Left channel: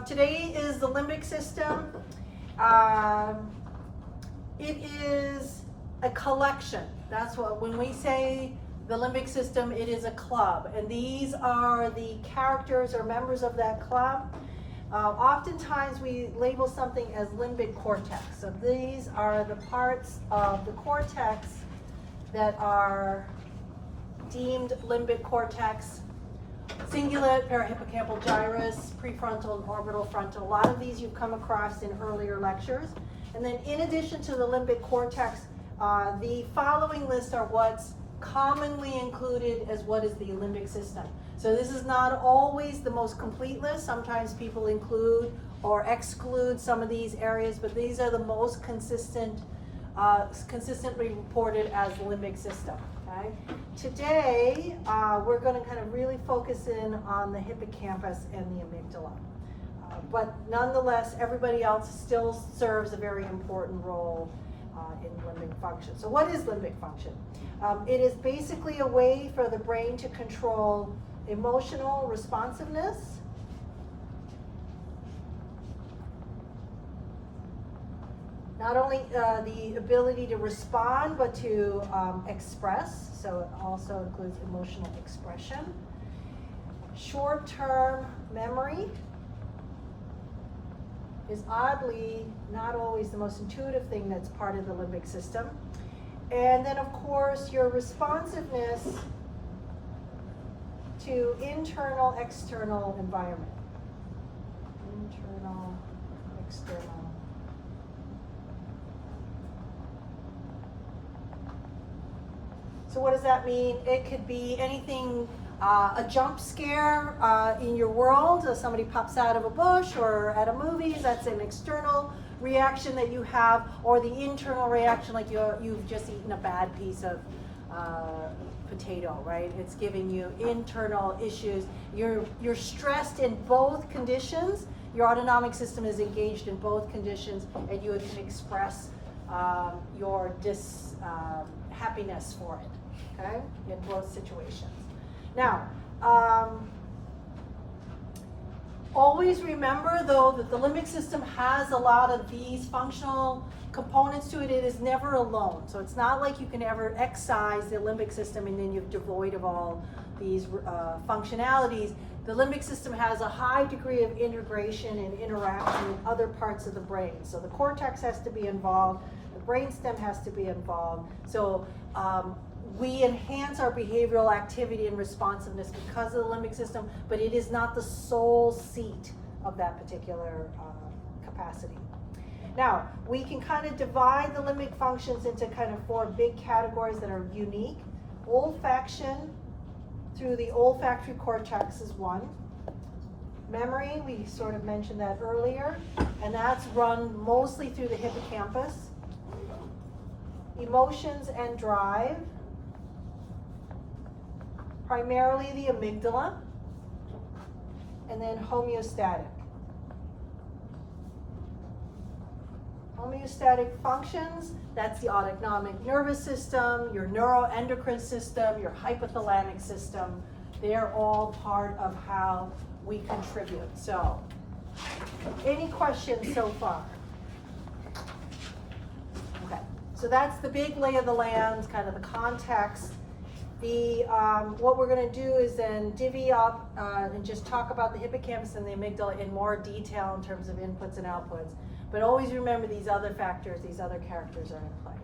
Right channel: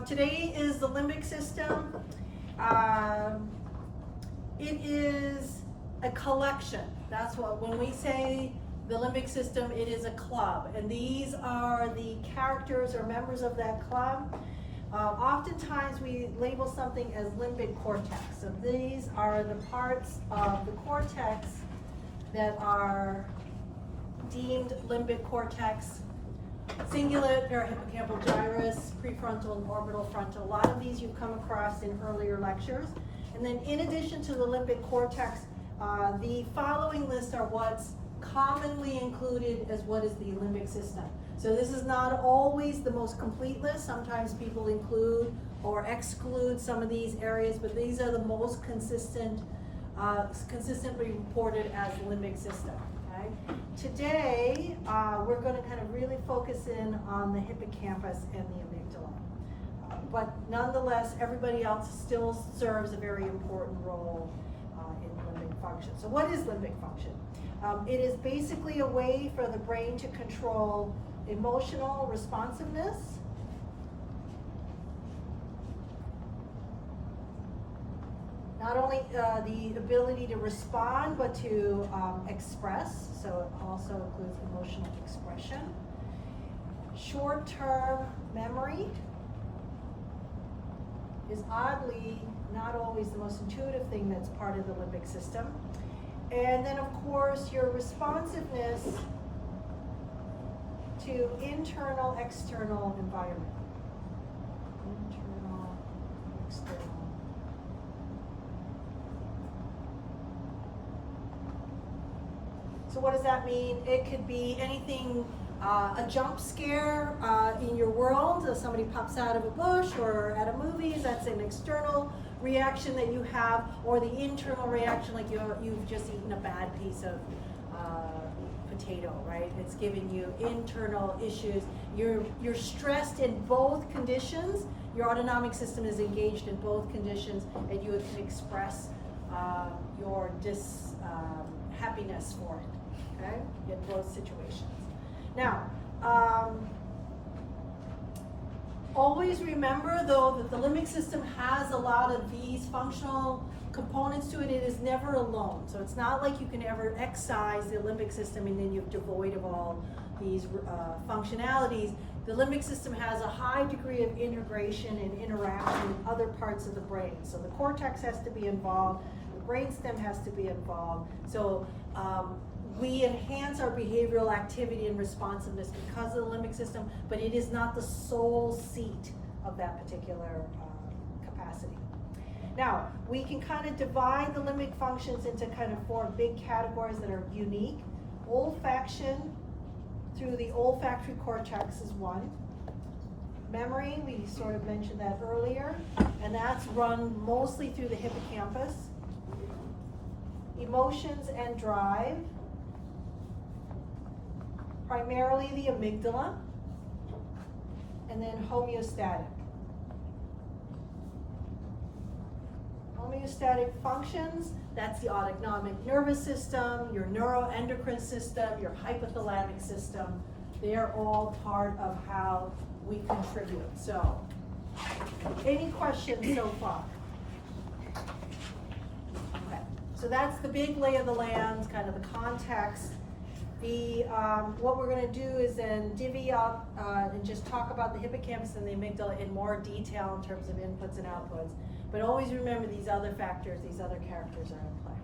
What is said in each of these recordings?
Today is the limbic system. It is a collection. That's what, when we say the limbic system, it is a club. And these are the characters or members of that club. Oftentimes we label something as limbic cortex. So these are the parts of the cortex that are deemed limbic cortex. Cingulate, parahippocampal gyrus, prefrontal and orbital frontal. A lot of these you've come across in earlier lectures. And then in addition to the limbic cortex, the following list are what's commonly included as what is the limbic system. So this is not always the most complete list. Sometimes people include or exclude some of these areas, but these are the most consistently reported as the limbic system. Okay? Today, we're going to kind of really focus in on the hippocampus and the amygdala. But nonetheless, everybody else still serves a very important role in limbic function. So what is limbic function? It is basically a way for the brain to control emotional responsiveness, not only the ability to respond, but to express. So it also includes emotional expression. Short-term memory is oddly not always the most intuitive thing that's part of the limbic system. And then, of course, your responsiveness to internal, external environment. Internal, external. So what does that mean? It could be anything, a jump scare in your world, so somebody pops out of a bush or at a movie, that's an external reaction that you have, or the internal reaction, like you've just eaten a bad piece of potato, right? It's giving you internal issues. You're stressed in both conditions. Your autonomic system is engaged in both conditions, and you can express your happiness for it, okay, in both situations. Now, always remember, though, that the limbic system has a lot of these functional components to it. It is never alone. So it's not like you can ever excise the limbic system and then you're devoid of all these functionalities. The limbic system has a high degree of integration and interaction with other parts of the brain. So the cortex has to be involved, the brainstem has to be involved. So we enhance our behavioral activity and responsiveness because of the limbic system, but it is not the sole seat of that particular capacity. Now, we can kind of divide the limbic functions into kind of four big categories that are unique. Olfaction through the olfactory cortex is one. Memory, we sort of mentioned that earlier, and that's run mostly through the hippocampus. Emotions and drive, primarily the amygdala, and then homeostatic. Homeostatic functions, that's the autonomic nervous system, your neuroendocrine system, your hypothalamic system. They're all part of how we contribute. So, any questions so far? Okay. So that's the big lay of the land, kind of the context. What we're going to do is then divvy up and just talk about the hippocampus and the amygdala in more detail in terms of inputs and outputs. But always remember these other factors, these other characters are in play.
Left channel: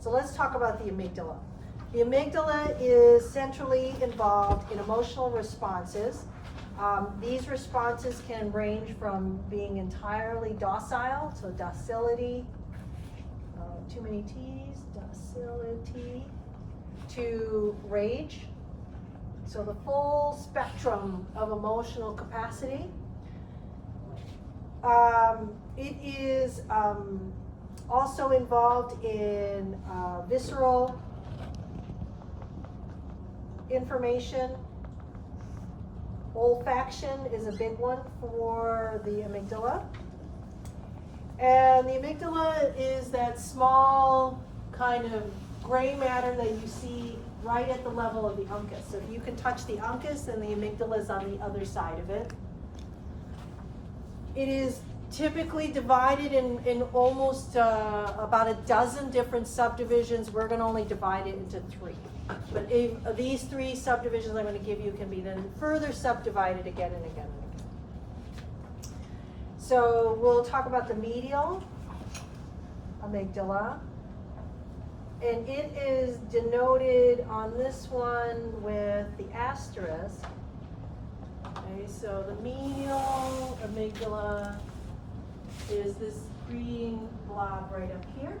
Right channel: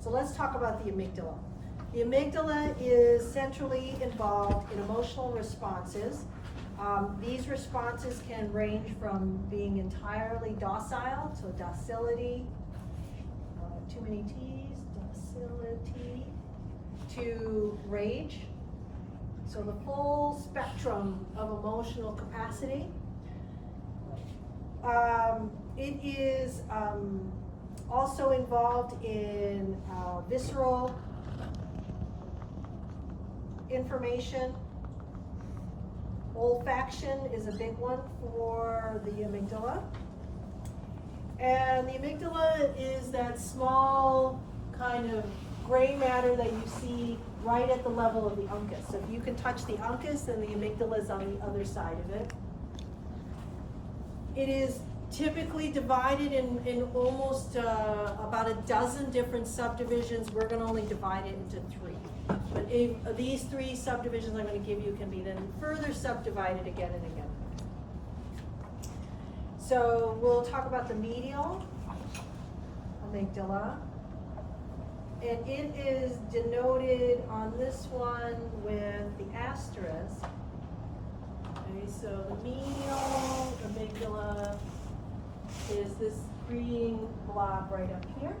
So let's talk about the amygdala. The amygdala is centrally involved in emotional responses. These responses can range from being entirely docile, so docility, too many T's, docility, to rage, so the full spectrum of emotional capacity. It is also involved in visceral information. Olfaction is a big one for the amygdala. And the amygdala is that small kind of gray matter that you see right at the level of the uncus. So if you can touch the uncus, then the amygdala is on the other side of it. It is typically divided in almost about a dozen different subdivisions. We're gonna only divide it into 3. But these 3 subdivisions I'm gonna give you can be then further subdivided again and again. So we'll talk about the medial amygdala. And it is denoted on this one with the asterisk. Okay, so the medial amygdala is this green blob right up here.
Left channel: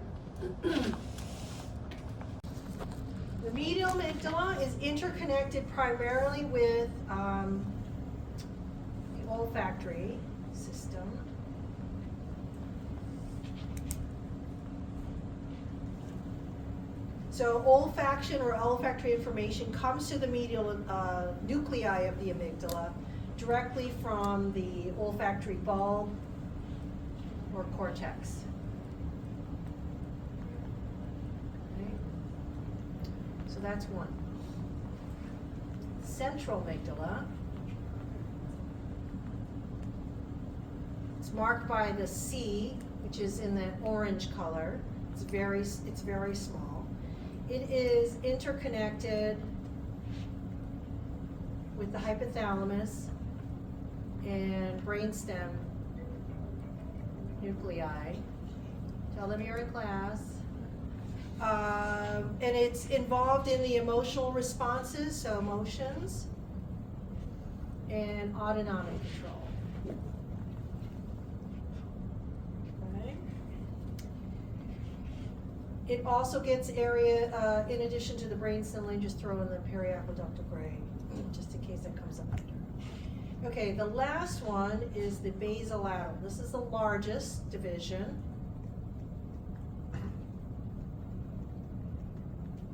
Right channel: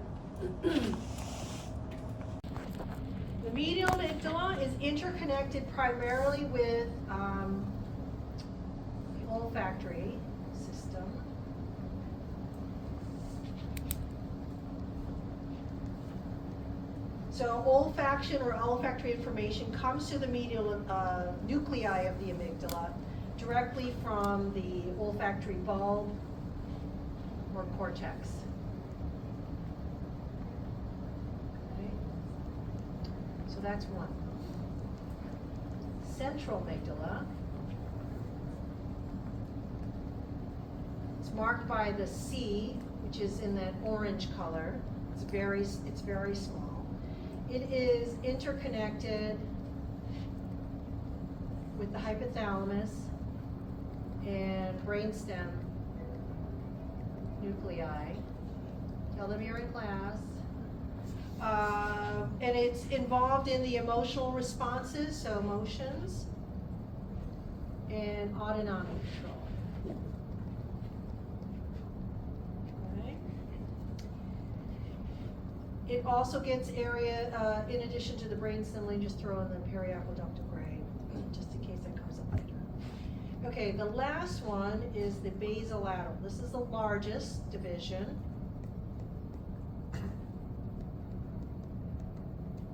The medial amygdala is interconnected primarily with the olfactory system. So olfaction or olfactory information comes to the medial nuclei of the amygdala directly from the olfactory bulb or cortex. Okay. So that's one. Central amygdala. It's marked by the C, which is in that orange color. It's very small. It is interconnected with the hypothalamus and brainstem nuclei. Tell them you're in class. And it's involved in the emotional responses, so emotions, and autonomic control. Okay. It also gets area, in addition to the brainstem, let me just throw in the periaqueductal gray, just in case that comes up later. Okay, the last one is the basolateral. This is the largest division.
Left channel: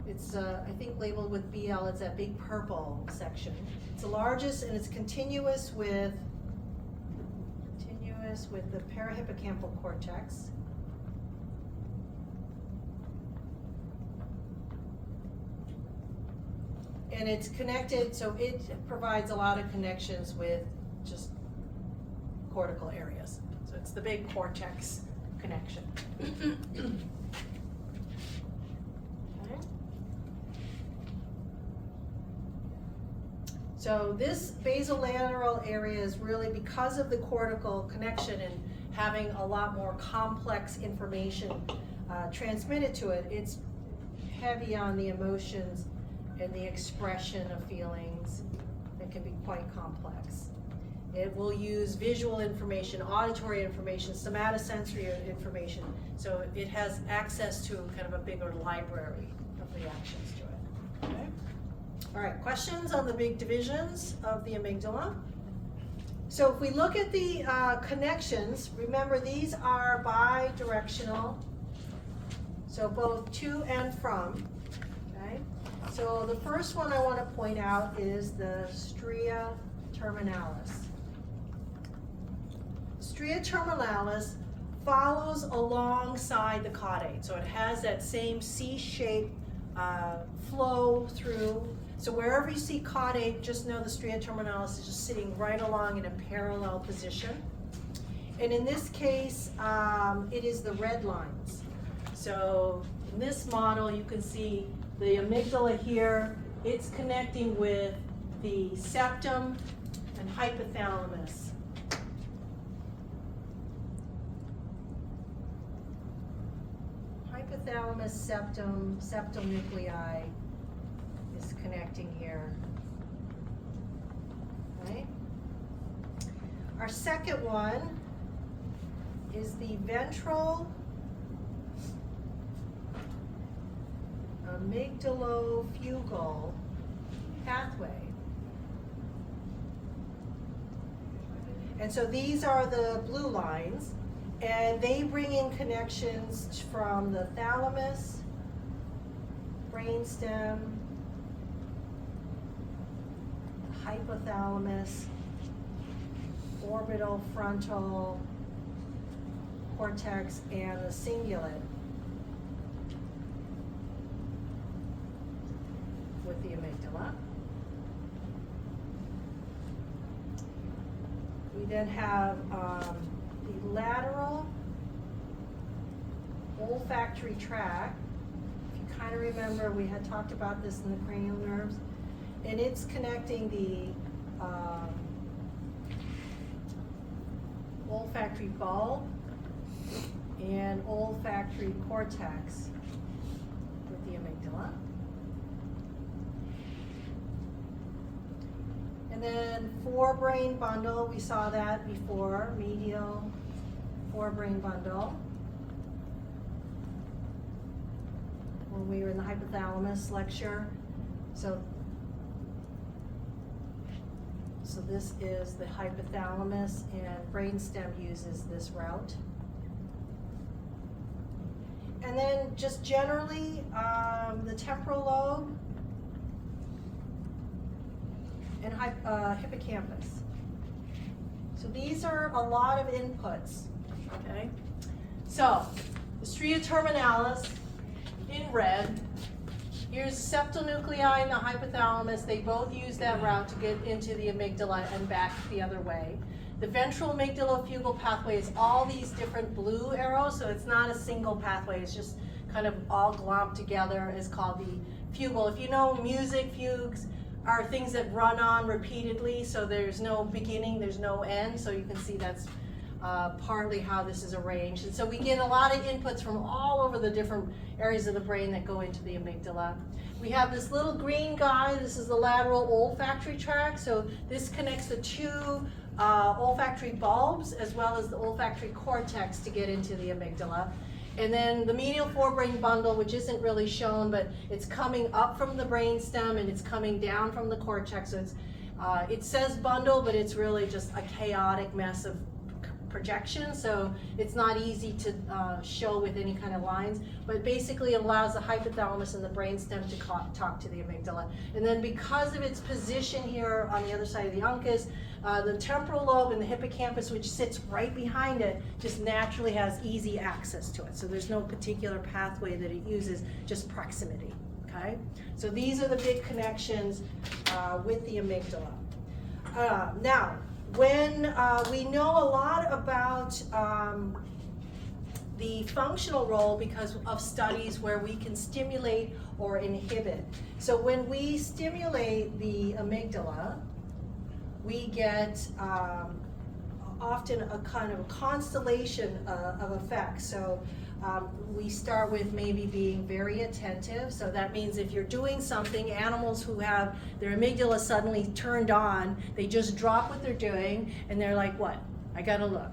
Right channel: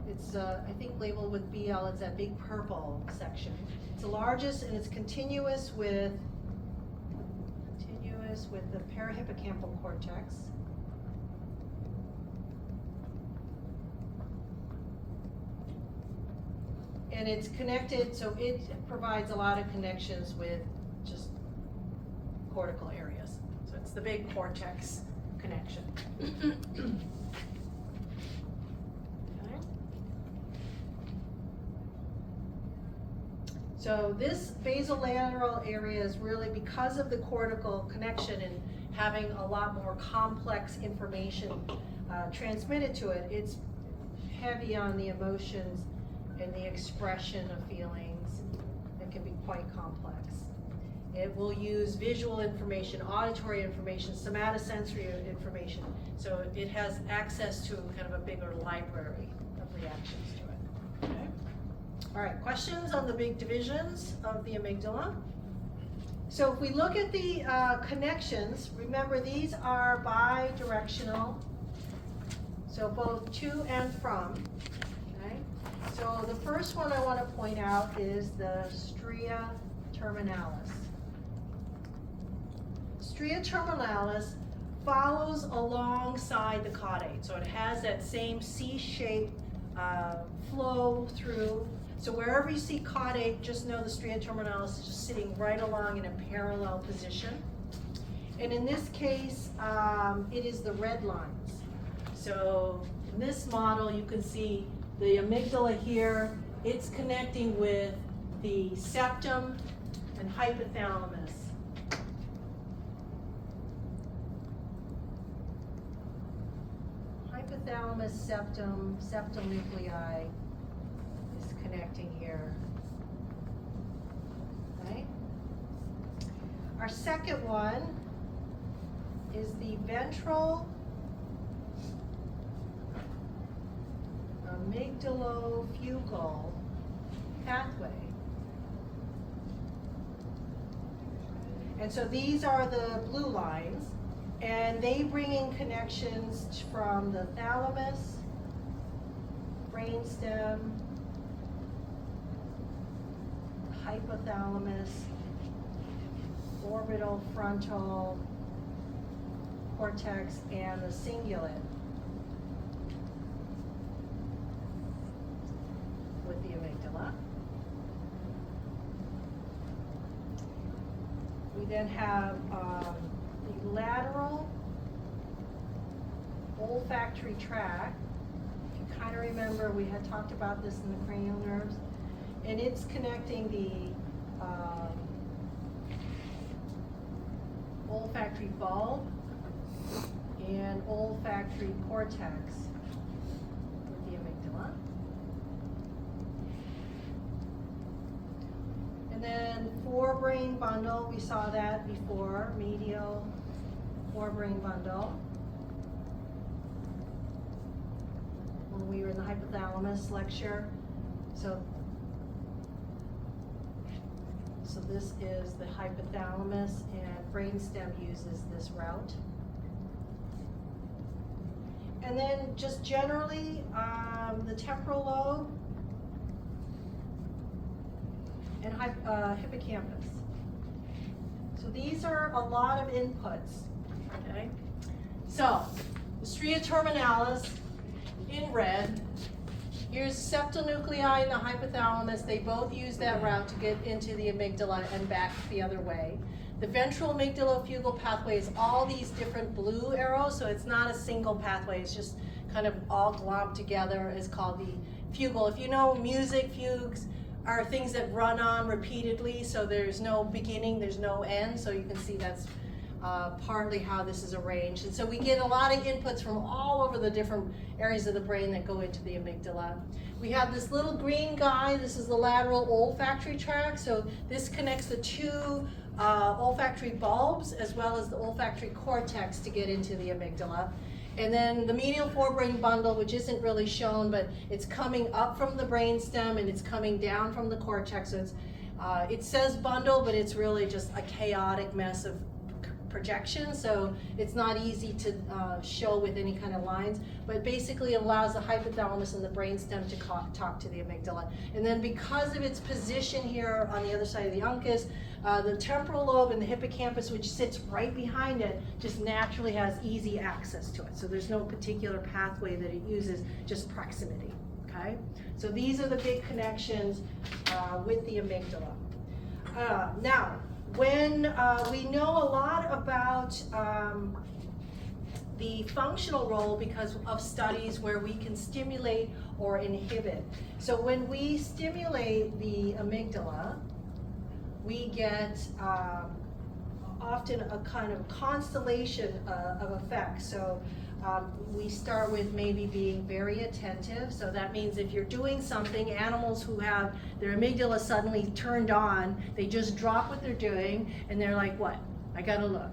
It's, I think, labeled with BL. It's that big purple section. It's the largest, and it's continuous with the parahippocampal cortex. And it's connected, so it provides a lot of connections with just cortical areas. So it's the big cortex connection. Okay. So this basolateral area is really because of the cortical connection and having a lot more complex information transmitted to it. It's heavy on the emotions and the expression of feelings that can be quite complex. It will use visual information, auditory information, somatosensory information, so it has access to kind of a bigger library of reactions to it. Okay. All right, questions on the big divisions of the amygdala? So if we look at the connections, remember these are bidirectional, so both to and from. So the first one I want to point out is the stria terminalis. Stria terminalis follows alongside the caudate, so it has that same C-shaped flow through. So wherever you see caudate, just know the stria terminalis is just sitting right along in a parallel position. And in this case, it is the red lines. So in this model, you can see the amygdala here, it's connecting with the septum and hypothalamus. Hypothalamus, septal nuclei is connecting here. Right? Our second one is the ventral amygdalofugal pathway. And so these are the blue lines, and they bring in connections from the thalamus, brainstem, hypothalamus, orbital frontal cortex, and the cingulate with the amygdala. We then have the lateral olfactory tract. If you kind of remember, we had talked about this in the cranial nerves, and it's connecting the olfactory bulb and olfactory cortex with the amygdala. And then forebrain bundle, we saw that before, medial forebrain bundle. When we were in the hypothalamus lecture. So this is the hypothalamus, and brainstem uses this route. And then just generally, the temporal lobe and hippocampus. So these are a lot of inputs, okay? So, the stria terminalis in red. Here's septal nuclei in the hypothalamus. They both use that route to get into the amygdala and back the other way. The ventral amygdalofugal pathway is all these different blue arrows, so it's not a single pathway. It's just kind of all glomped together. It's called the fugal. If you know music, fugues are things that run on repeatedly, so there's no beginning, there's no end, so you can see that's partly how this is arranged. And so we get a lot of inputs from all over the different areas of the brain that go into the amygdala. We have this little green guy. This is the lateral olfactory tract. So this connects the two olfactory bulbs as well as the olfactory cortex to get into the amygdala. And then the medial forebrain bundle, which isn't really shown, but it's coming up from the brainstem and it's coming down from the cortex. So it's, it says bundle, but it's really just a chaotic mess of projection, so it's not easy to show with any kind of lines, but basically it allows the hypothalamus and the brainstem to talk to the amygdala. And then because of its position here on the other side of the uncus, the temporal lobe and the hippocampus, which sits right behind it, just naturally has easy access to it. So there's no particular pathway that it uses, just proximity, okay? So these are the big connections with the amygdala. Now, when we know a lot about the functional role because of studies where we can stimulate or inhibit. So when we stimulate the amygdala, we get often a kind of constellation of effects. So we start with maybe being very attentive. So that means if you're doing something, animals who have their amygdala suddenly turned on, they just drop what they're doing and they're like, what? I gotta look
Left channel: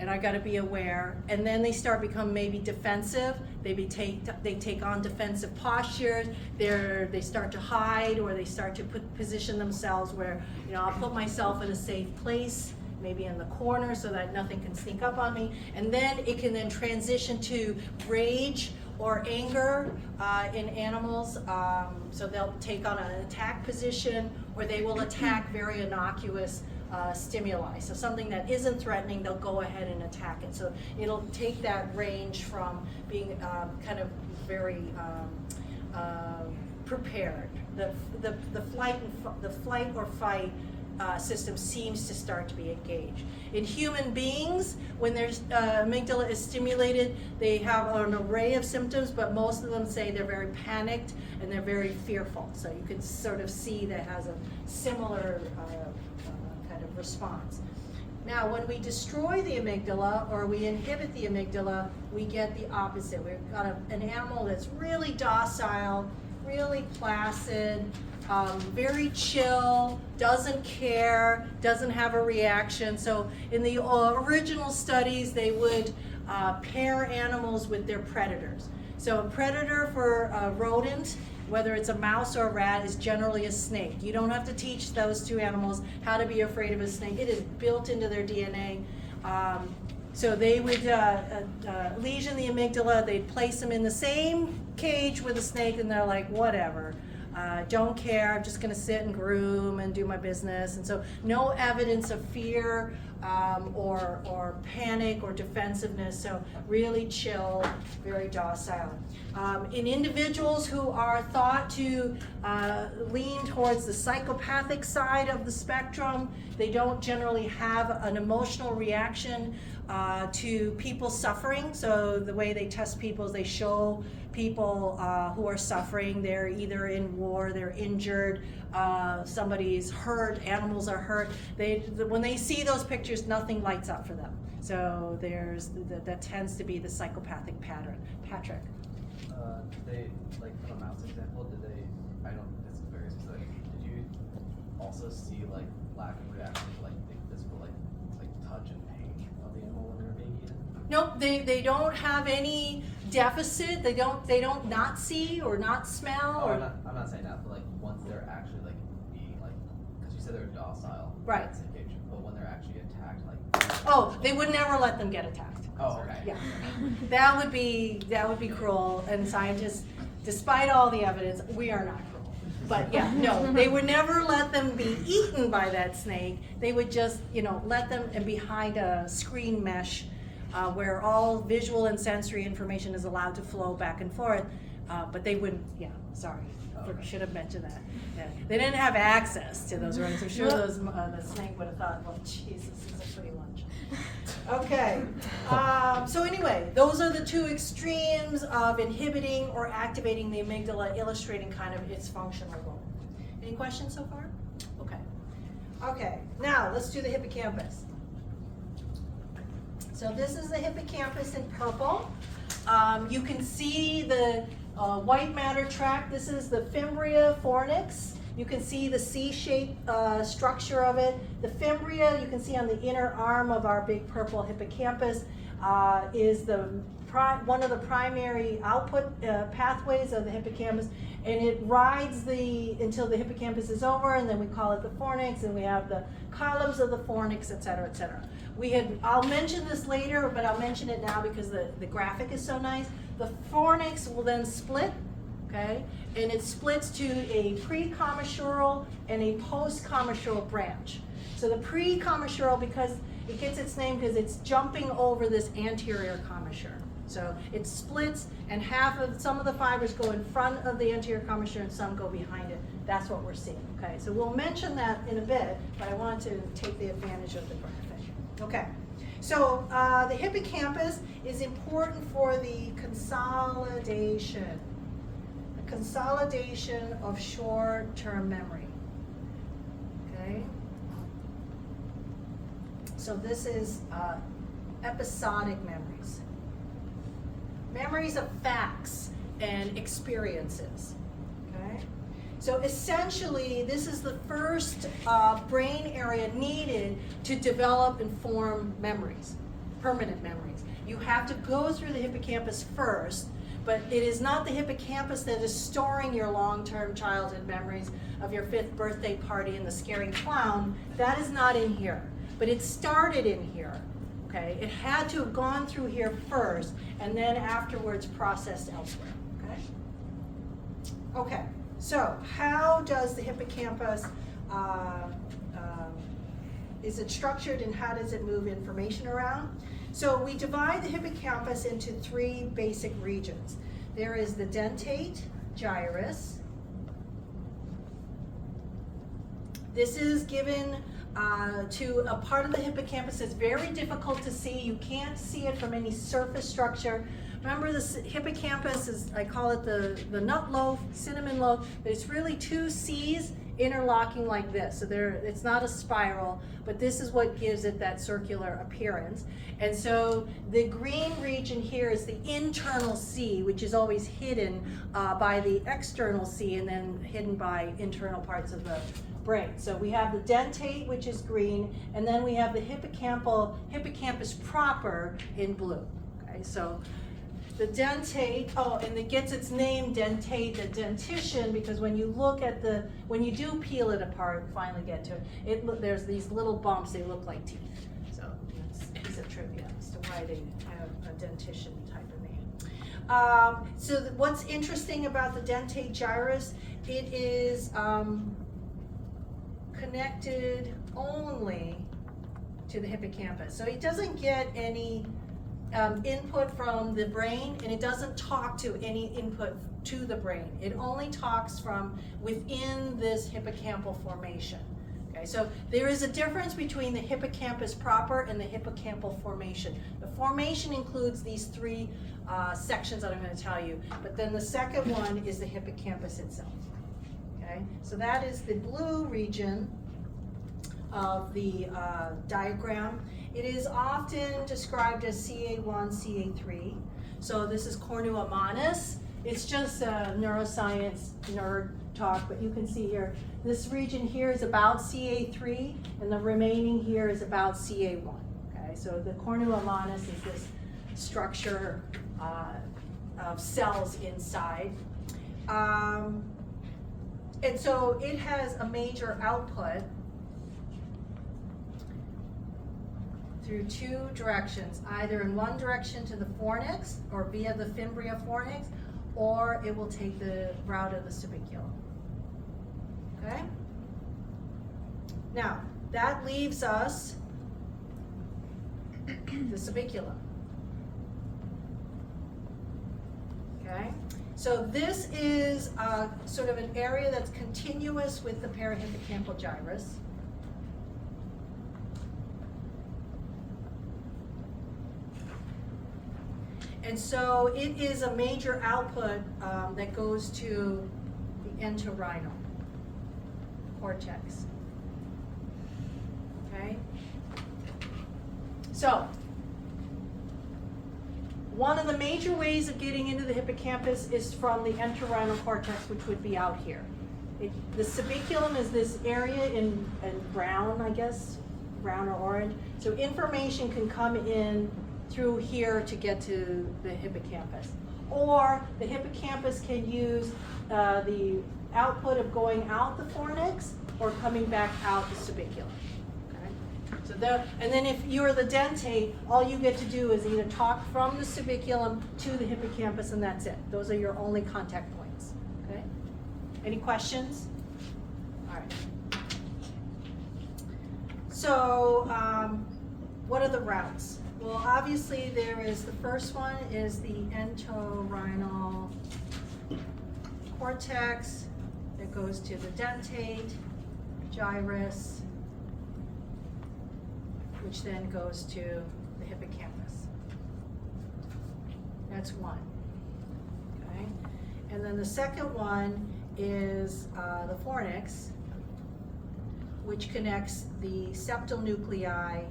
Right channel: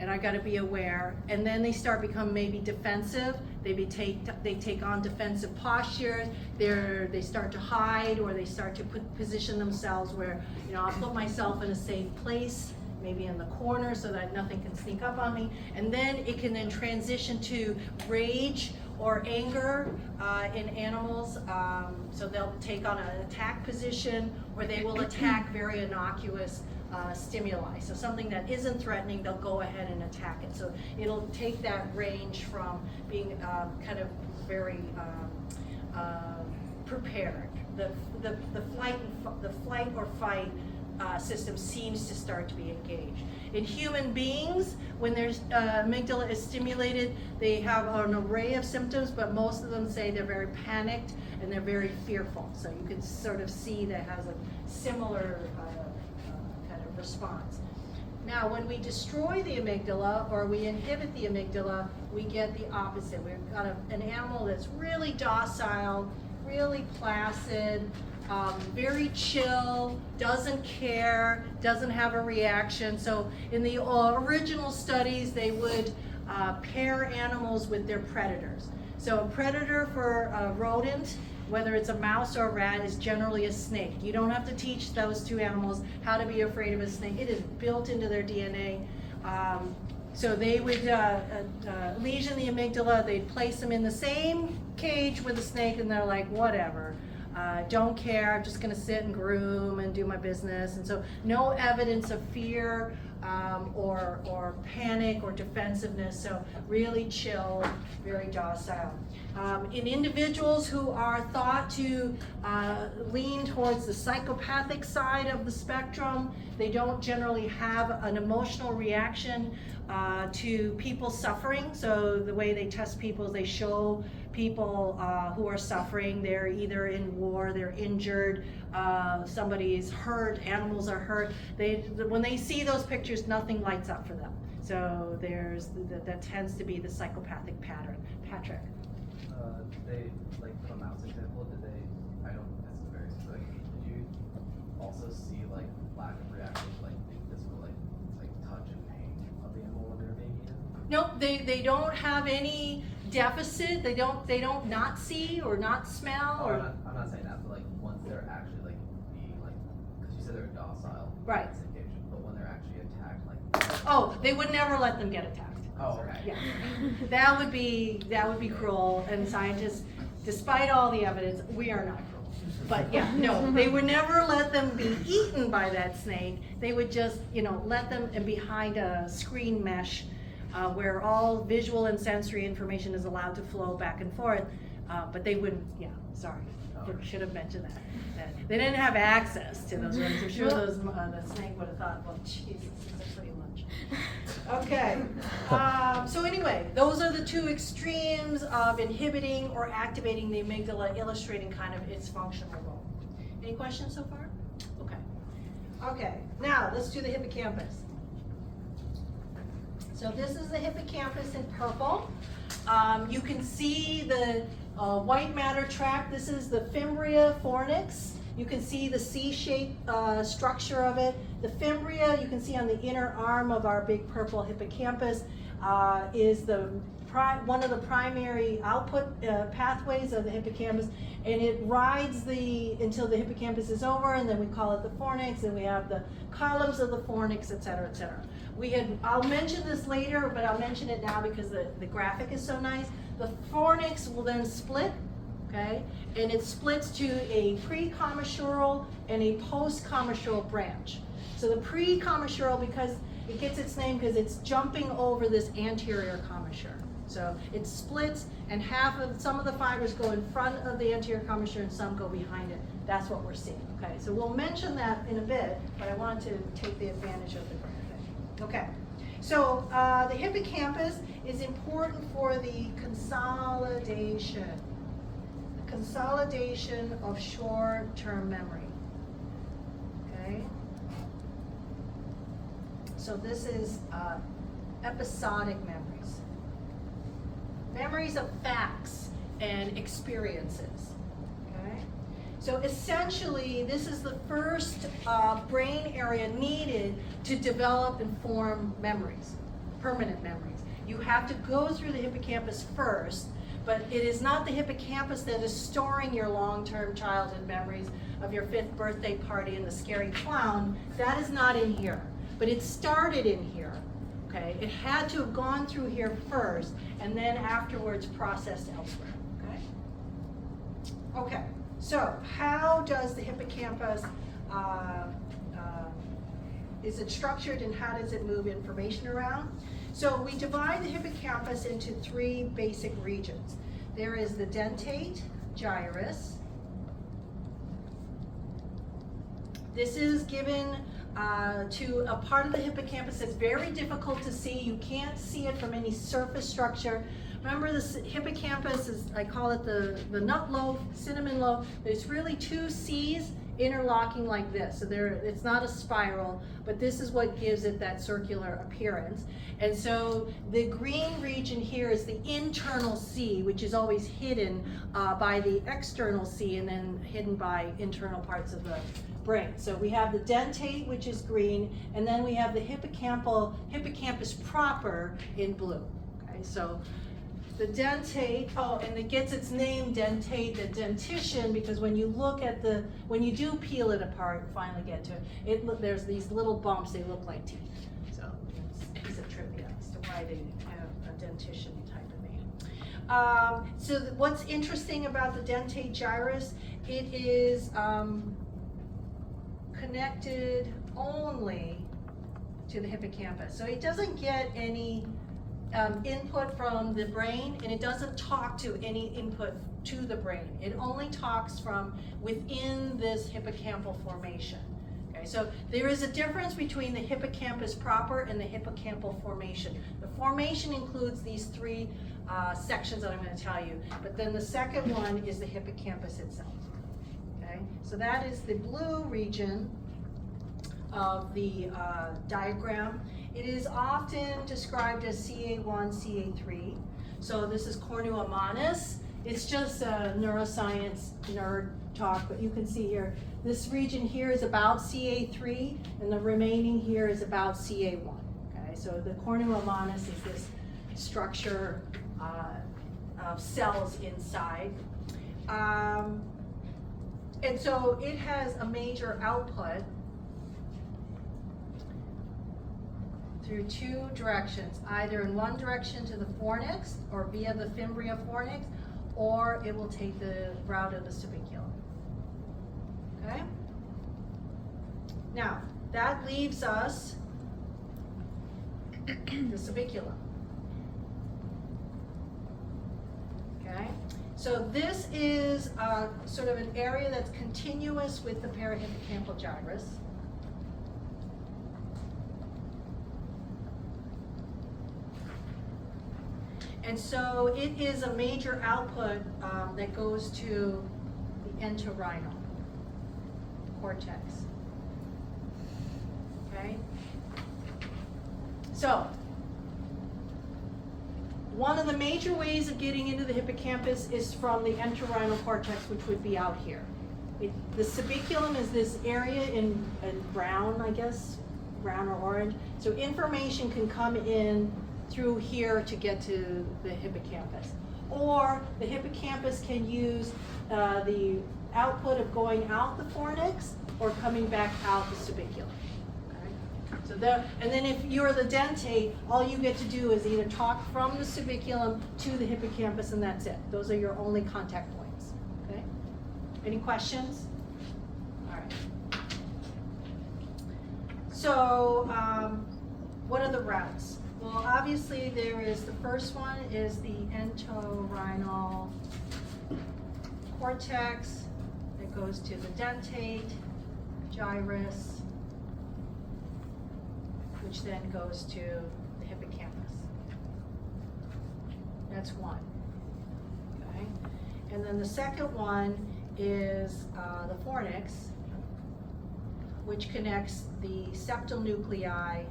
and I gotta be aware. And then they start become maybe defensive. They take on defensive postures. They start to hide, or they start to position themselves where, you know, I'll put myself in a safe place, maybe in the corner so that nothing can sneak up on me. And then it can then transition to rage or anger in animals. So they'll take on an attack position, or they will attack very innocuous stimuli. So something that isn't threatening, they'll go ahead and attack it. So it'll take that range from being kind of very prepared. The flight or fight system seems to start to be engaged. In human beings, when their amygdala is stimulated, they have an array of symptoms, but most of them say they're very panicked and they're very fearful. So you can sort of see that has a similar kind of response. Now, when we destroy the amygdala or we inhibit the amygdala, we get the opposite. We've got an animal that's really docile, really placid, very chill, doesn't care, doesn't have a reaction. So in the original studies, they would pair animals with their predators. So a predator for a rodent, whether it's a mouse or a rat, is generally a snake. You don't have to teach those two animals how to be afraid of a snake. It is built into their DNA. So they would lesion the amygdala, they'd place them in the same cage with a snake, and they're like, whatever. Don't care, I'm just gonna sit and groom and do my business. And so no evidence of fear or panic or defensiveness. So really chill, very docile. In individuals who are thought to lean towards the psychopathic side of the spectrum, they don't generally have an emotional reaction to people suffering. So the way they test people is they show people who are suffering. They're either in war, they're injured, somebody's hurt, animals are hurt. When they see those pictures, nothing lights up for them. So that tends to be the psychopathic pattern. Patrick? They, like, from a mouse example, I don't, it's very specific, did you also see, like, lack of reaction to, like, physical, like touch and pain of the animal when they're being eaten? Nope, they don't have any deficit. They don't not see or not smell. Oh, or I'm not saying that, but, like, once they're actually, like, being, like, because you said they're docile. Right. But when they're actually attacked, like. Oh, they would never let them get attacked. Oh, okay. Yeah, that would be cruel, and scientists, despite all the evidence, we are not cruel. But yeah, no, they would never let them be eaten by that snake. They would just, let them behind a screen mesh where all visual and sensory information is allowed to flow back and forth. But they wouldn't. Yeah, sorry, I should have mentioned that. They didn't have access to those rooms. I'm sure the snake would have thought, "Oh, Jesus, this is a pretty lunch." Okay, so anyway, those are the two extremes of inhibiting or activating the amygdala, illustrating kind of its functional role. Any questions so far? Okay, now let's do the hippocampus. So this is the hippocampus in purple. You can see the white matter tract. This is the fimbria fornix. You can see the C-shaped structure of it. The fimbria, you can see on the inner arm of our big purple hippocampus, is one of the primary output pathways of the hippocampus, and it rides until the hippocampus is over, and then we call it the fornix, and we have the columns of the fornix, et cetera, et cetera. I'll mention this later, but I'll mention it now because the graphic is so nice. The fornix will then split, okay? And it splits to a pre-commissural and a post-commissural branch. So the pre-commissural, because it gets its name because it's jumping over this anterior commissure. So it splits, and some of the fibers go in front of the anterior commissure and some go behind it. That's what we're seeing, okay? So we'll mention that in a bit, but I wanted to take the advantage of the graphic. Okay, so the hippocampus is important for the consolidation of short-term memory, okay? So this is episodic memories. Memories of facts and experiences, okay? So essentially, this is the first brain area needed to develop and form memories, permanent memories. You have to go through the hippocampus first, but it is not the hippocampus that is storing your long-term childhood memories of your 5th birthday party and the scary clown. That is not in here, but it started in here, okay? It had to have gone through here first, and then afterwards processed elsewhere, okay? Okay. So, how does the hippocampus, is it structured, and how does it move information around? So we divide the hippocampus into 3 basic regions. There is the dentate gyrus. This is given to a part of the hippocampus that's very difficult to see. You can't see it from any surface structure. Remember, this hippocampus is, I call it the nut loaf, cinnamon loaf, but it's really 2 C's interlocking like this. So it's not a spiral, but this is what gives it that circular appearance. And so the green region here is the internal C, which is always hidden by the external C and then hidden by internal parts of the brain. So we have the dentate, which is green, and then we have the hippocampus proper in blue. Okay, so the dentate, and it gets its name dentate, the dentition, because when you look at when you do peel it apart and finally get to it, there's these little bumps, they look like teeth. So it's a piece of trivia as to why they have a dentition type of name. So what's interesting about the dentate gyrus, it is connected only to the hippocampus. So it doesn't get any input from the brain, and it doesn't talk to any input to the brain. It only talks from within this hippocampal formation. Okay, so there is a difference between the hippocampus proper and the hippocampal formation. The formation includes these three sections that I'm going to tell you, but then the second one is the hippocampus itself. Okay, so that is the blue region of the diagram. It is often described as CA1, CA3. So this is cornua manus. It's just a neuroscience nerd talk, but you can see here, this region here is about CA3, and the remaining here is about CA1. Okay, so the cornua manus is this structure of cells inside. And so it has a major output through two directions, either in one direction to the fornix or via the fimbria fornix, or it will take the route of the subiculum. Okay? Now, that leaves us the subiculum. Okay? So this is sort of an area that's continuous with the parahippocampal gyrus. And so it is a major output that goes to the entorhinal cortex. Okay? So, one of the major ways of getting into the hippocampus is from the entorhinal cortex, which would be out here. The subiculum is this area in brown, I guess, brown or orange. So information can come in through here to get to the hippocampus. Or the hippocampus can use the output of going out the fornix or coming back out the subiculum. So there, and then if you're the dentate, all you get to do is either talk from the subiculum to the hippocampus, and that's it. Those are your only contact points. Okay? Any questions? All right. So, what are the routes? Well, obviously there is, the first one is the entorhinal cortex that goes to the dentate, gyrus, which then goes to the hippocampus. That's one, okay? And then the second one is the fornix, which connects the septal nuclei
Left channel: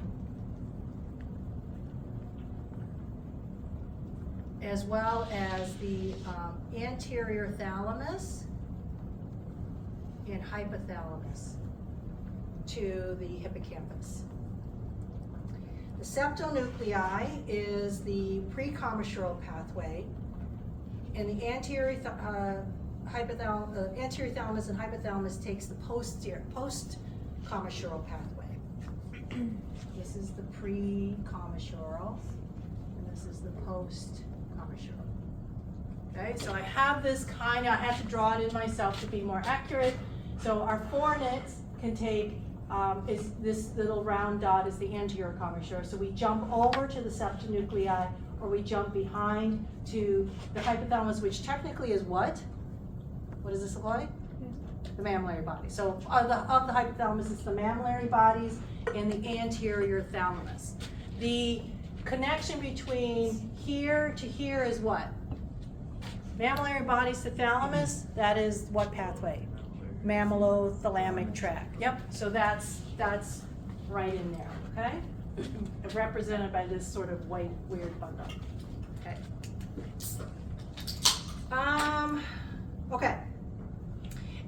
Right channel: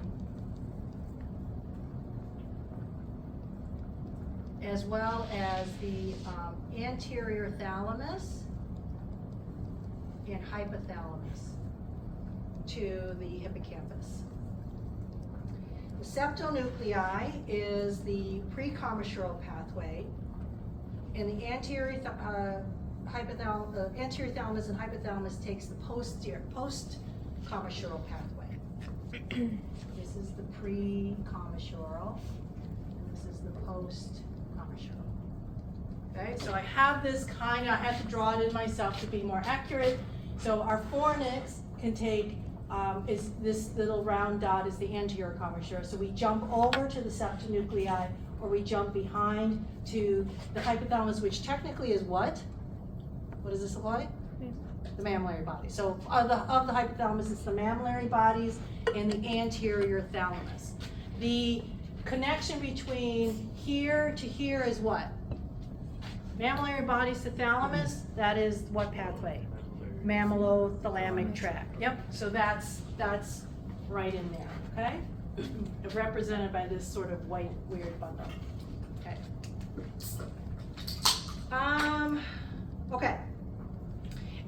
as well as the anterior thalamus and hypothalamus to the hippocampus. The septal nuclei is the precommissural pathway, and the anterior thalamus and hypothalamus takes the post-commissural pathway. This is the pre-commissural, and this is the post-commissural. Okay, so I have this I have to draw it in myself to be more accurate. So our fornix can take, is this little round dot is the anterior commissure. So we jump over to the septal nuclei, or we jump behind to the hypothalamus, which technically is what? What does this look like? The mammillary body. So of the hypothalamus, it's the mammillary bodies and the anterior thalamus. The connection between here to here is what? Mammillary bodies to thalamus, that is what pathway? Mammillothalamic tract. Yep, so that's right in there, okay? Represented by this sort of white weird bundle. Okay. Okay.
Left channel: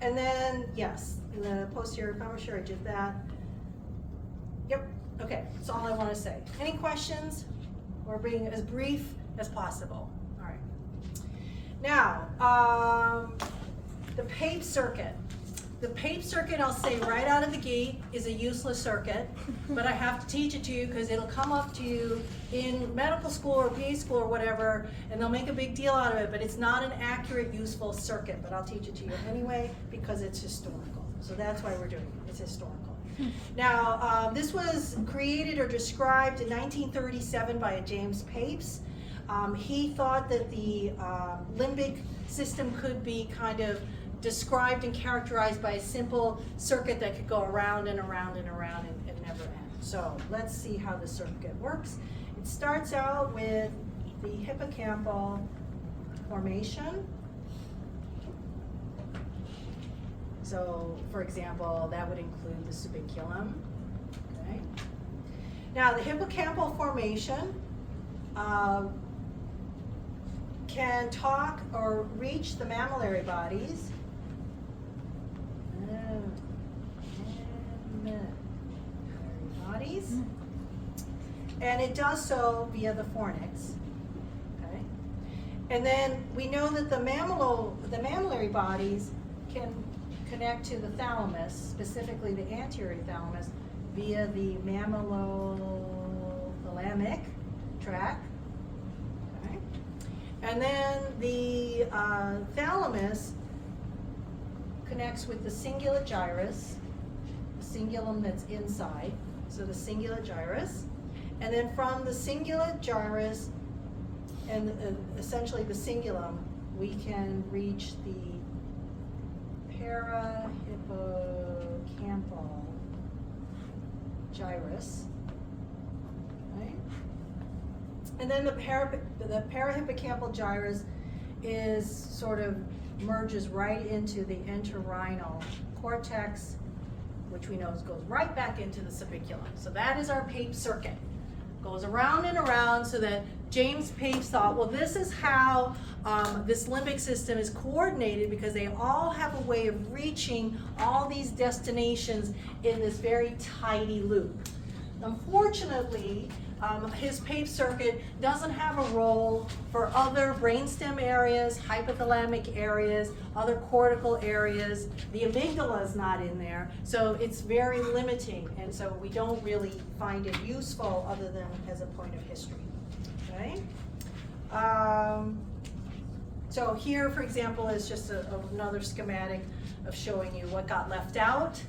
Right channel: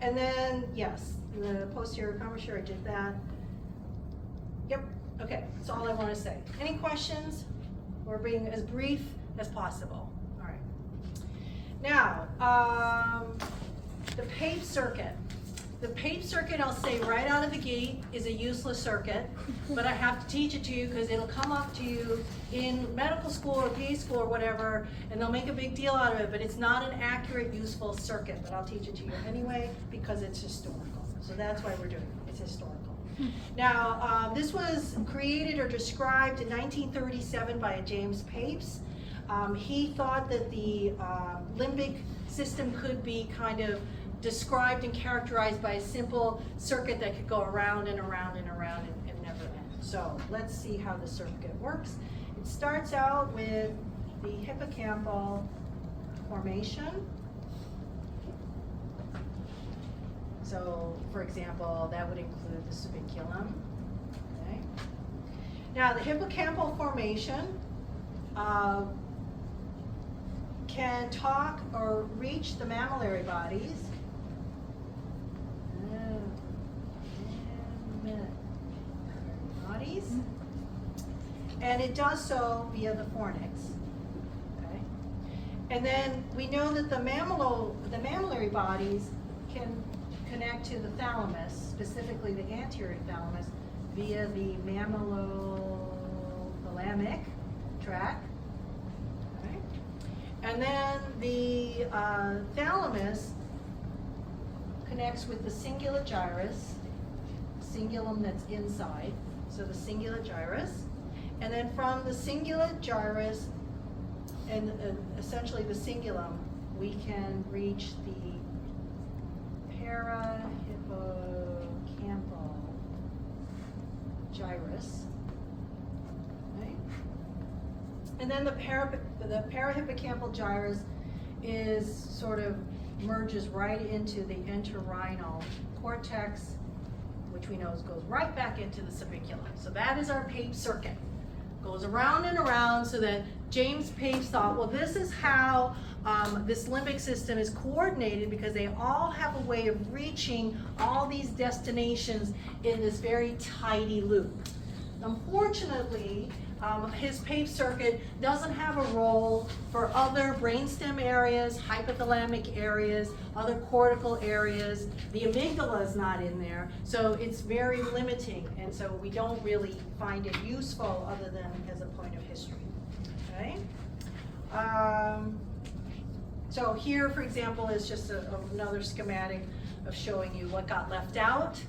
And then, yes, the posterior commissure, I did that. Yep, okay, that's all I want to say. Any questions? We're being as brief as possible. All right. Now, the PAPE circuit. The PAPE circuit, I'll say right out of the gate, is a useless circuit, but I have to teach it to you because it'll come up to you in medical school or PA school or whatever, and they'll make a big deal out of it, but it's not an accurate, useful circuit, but I'll teach it to you anyway because it's historical. So that's why we're doing it. It's historical. Now, this was created or described in 1937 by a James Papes. He thought that the limbic system could be kind of described and characterized by a simple circuit that could go around and around and around and never end. So let's see how the circuit works. It starts out with the hippocampal formation. So, for example, that would include the subiculum. Okay. Now, the hippocampal formation can talk or reach the mammillary bodies. And it does so via the fornix. Okay. And then we know that the mammillary bodies can connect to the thalamus, specifically the anterior thalamus, via the mammillothalamic tract. Okay. And then the thalamus connects with the cingulate gyrus, cingulum that's inside, so the cingulate gyrus. And then from the cingulate gyrus and essentially the cingulum, we can reach the parahippocampal gyrus. Right? And then the parahippocampal gyrus is sort of merges right into the entorhinal cortex, which we know goes right back into the subiculum. So that is our Papes circuit. Goes around and around, so that James Papes thought, well, this is how this limbic system is coordinated, because they all have a way of reaching all these destinations in this very tidy loop. Unfortunately, his Papes circuit doesn't have a role for other brainstem areas, hypothalamic areas, other cortical areas. The amygdala is not in there, so it's very limiting, and so we don't really find it useful other than as a point of history. Okay. So here, for example, is just another schematic of showing you what got left out.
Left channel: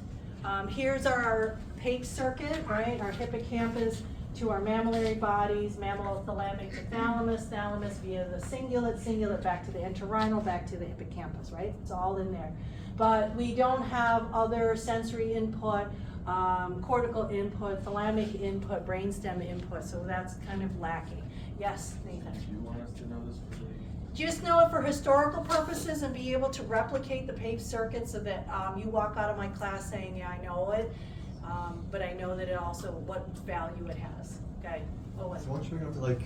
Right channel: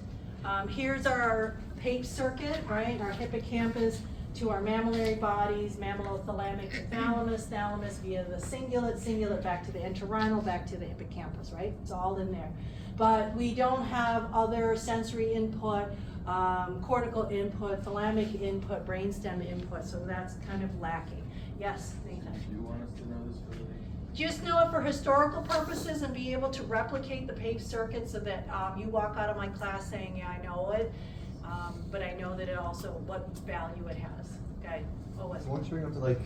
Here's our Papes circuit, right? Our hippocampus to our mammillary bodies, mammillothalamic to thalamus, thalamus via the cingulate back to the entorhinal, back to the hippocampus, right? It's all in there. But we don't have other sensory input, cortical input, thalamic input, brainstem input, so that's kind of lacking. Yes, Nathan? Do you want us to know this for the... Just know it for historical purposes and be able to replicate the Papes circuit so that you walk out of my class saying, yeah, I know it. But I know that it also, what value it has, okay? Owen. So what's showing up to like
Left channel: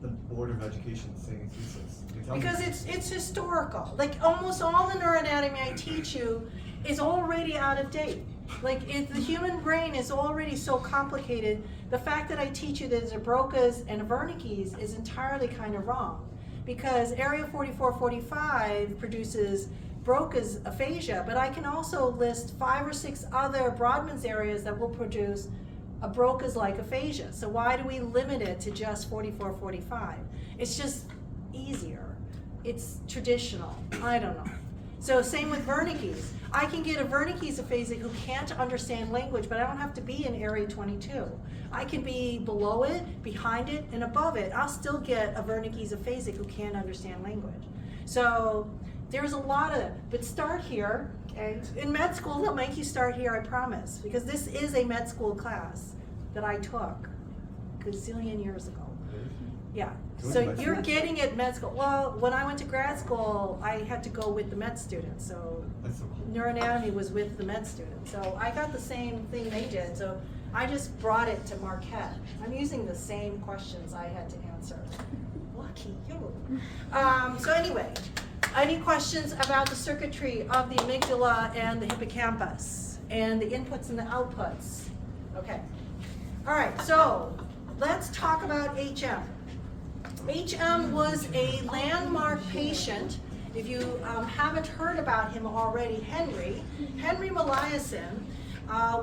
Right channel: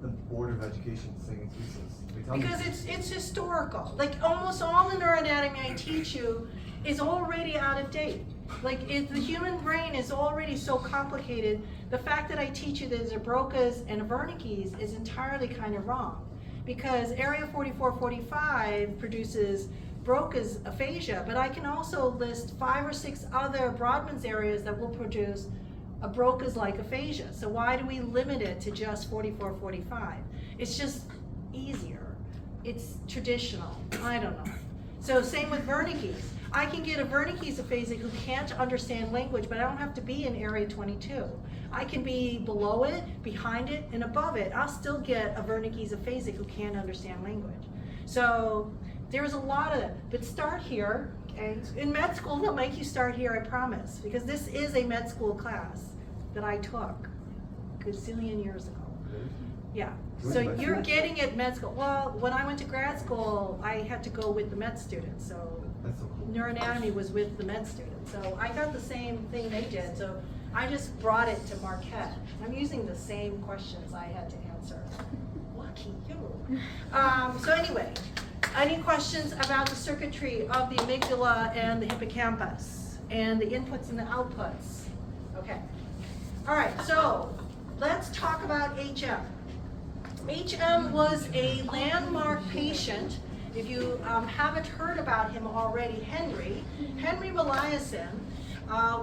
the Board of Education saying it's useless? Because it's historical. Like almost all the neuroanatomy I teach you is already out of date. Like if the human brain is already so complicated, the fact that I teach you that there's a Broca's and a Wernicke's is entirely kind of wrong. Because area 4445 produces Broca's aphasia, but I can also list 5 or 6 other Brodmann's areas that will produce a Broca's-like aphasia. So why do we limit it to just 4445? It's just easier. It's traditional. I don't know. So same with Wernicke's. I can get a Wernicke's aphasic who can't understand language, but I don't have to be in area 22. I can be below it, behind it, and above it. I'll still get a Wernicke's aphasic who can't understand language. So there's a lot of that, but start here, okay? In med school, they'll make you start here, I promise, because this is a med school class that I took a gazillion years ago. Yeah, so you're getting it med school. Well, when I went to grad school, I had to go with the med students, so That's so cool. neuroanatomy was with the med students. So I got the same thing they did, so I just brought it to Marquette. I'm using the same questions I had to answer. Lucky you. So anyway, any questions about the circuitry of the amygdala and the hippocampus and the inputs and the outputs? Okay. All right, so let's talk about HM. HM was a landmark patient. If you haven't heard about him already, Henry Meliason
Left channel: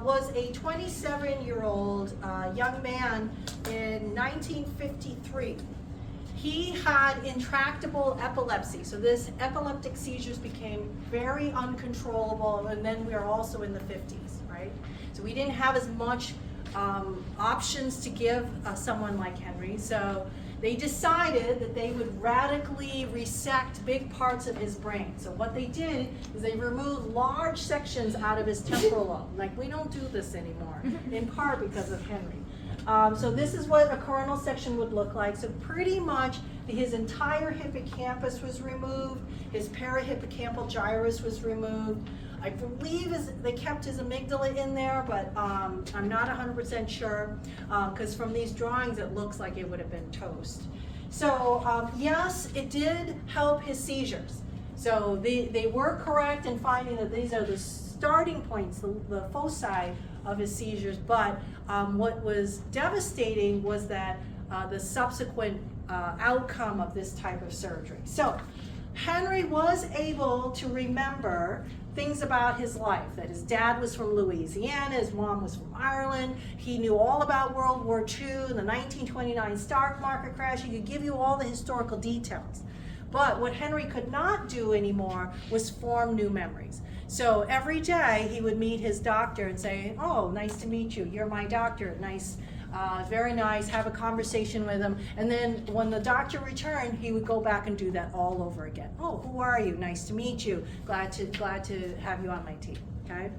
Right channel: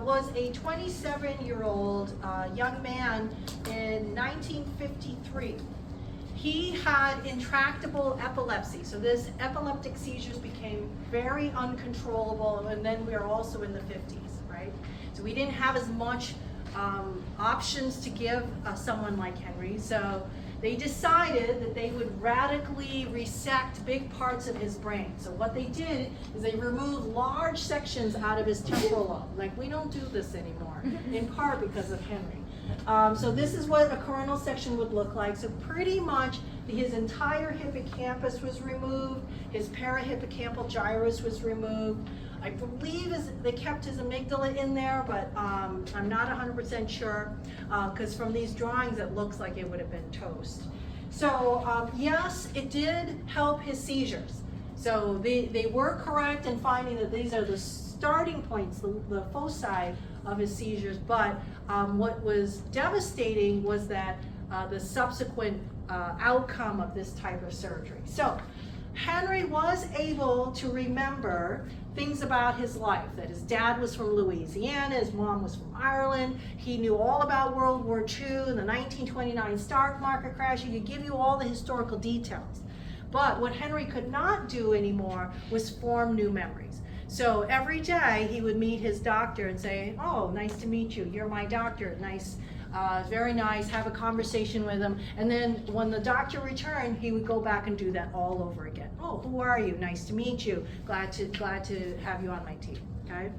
was a 27-year-old young man in 1953. He had intractable epilepsy, so this epileptic seizures became very uncontrollable, and then we are also in the 50s, right? So we didn't have as much options to give someone like Henry. So they decided that they would radically resect big parts of his brain. So what they did is they removed large sections out of his temporal lobe. Like, we don't do this anymore, in part because of Henry. So this is what a coronal section would look like. So pretty much his entire hippocampus was removed, his parahippocampal gyrus was removed. I believe they kept his amygdala in there, but I'm not 100% sure, because from these drawings it looks like it would have been toast. So yes, it did help his seizures. So they were correct in finding that these are the starting points, the foci of his seizures, but what was devastating was that the subsequent outcome of this type of surgery. So Henry was able to remember things about his life, that his dad was from Louisiana, his mom was from Ireland, he knew all about World War II and the 1929 stock market crash. He could give you all the historical details. But what Henry could not do anymore was form new memories. So every day he would meet his doctor and say, oh, nice to meet you, you're my doctor, nice, very nice, have a conversation with him. And then when the doctor returned, he would go back and do that all over again. Oh, who are you? Nice to meet you. Glad to have you on my team, okay?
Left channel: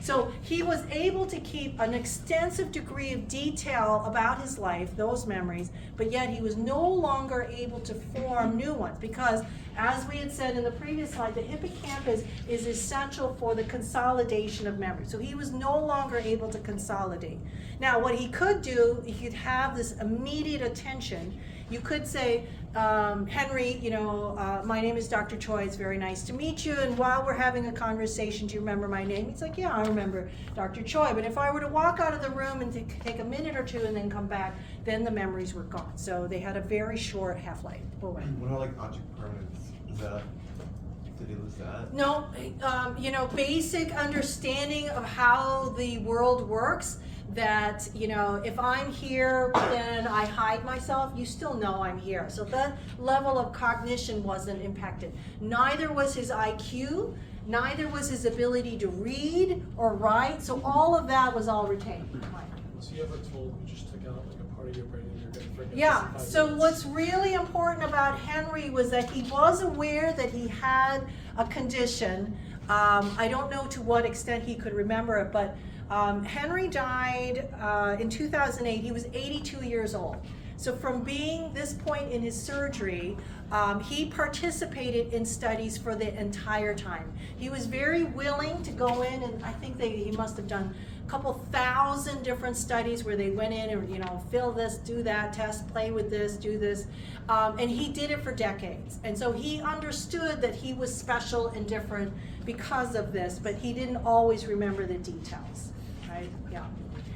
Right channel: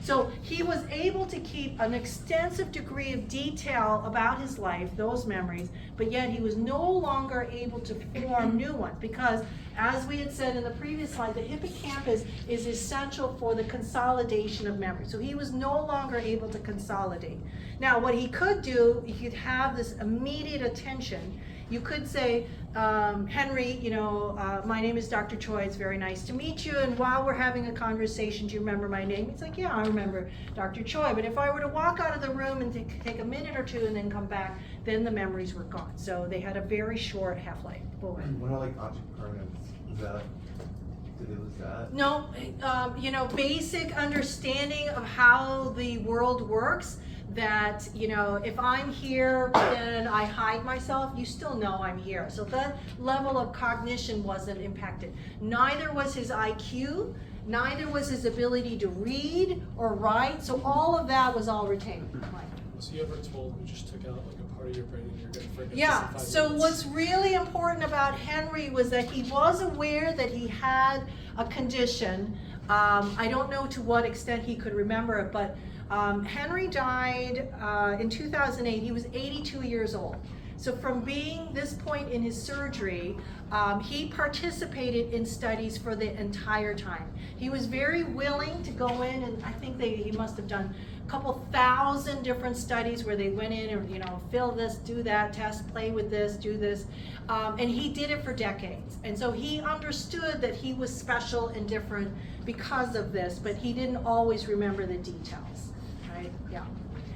So he was able to keep an extensive degree of detail about his life, those memories, but yet he was no longer able to form new ones because, as we had said in the previous slide, the hippocampus is essential for the consolidation of memory. So he was no longer able to consolidate. Now, what he could do, he could have this immediate attention. You could say, Henry, my name is Dr. Choi, it's very nice to meet you, and while we're having a conversation, do you remember my name? He's like, yeah, I remember Dr. Choi, but if I were to walk out of the room and take a minute or two and then come back, then the memories were gone. So they had a very short half-life. What about like object permanence? Did they lose that? No, basic understanding of how the world works, that, if I'm here, then I hide myself, you still know I'm here. So that level of cognition wasn't impacted. Neither was his IQ, neither was his ability to read or write, so all of that was all retained. Was he ever told we just took out like a part of your brain and you're going to forget? Yeah, this in 5 so minutes? what's really important about Henry was that he was aware that he had a condition. I don't know to what extent he could remember it, but Henry died in 2008. He was 82 years old. So from being this point in his surgery, he participated in studies for the entire time. He was very willing to go in, and I think he must have done a couple thousand different studies where they went in and, fill this, do that, test, play with this, do this. And he did it for decades. And so he understood that he was special and different because of this, but he didn't always remember the details. Right? Yeah.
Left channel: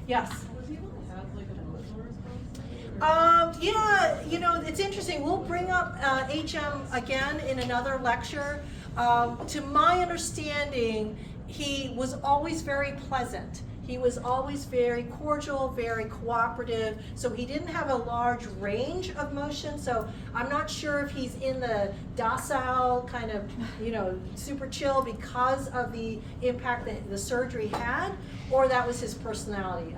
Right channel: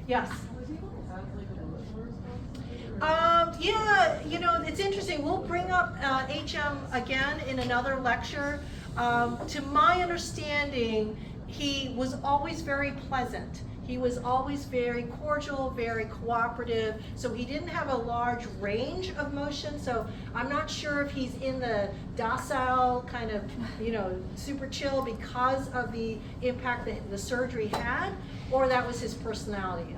Yes? Was he able to have like an emotional response? Yeah, it's interesting. We'll bring up HM again in another lecture. To my understanding, he was always very pleasant. He was always very cordial, very cooperative, so he didn't have a large range of motion, so I'm not sure if he's in the docile kind of, super chill because of the impact that the surgery had, or that was his personality.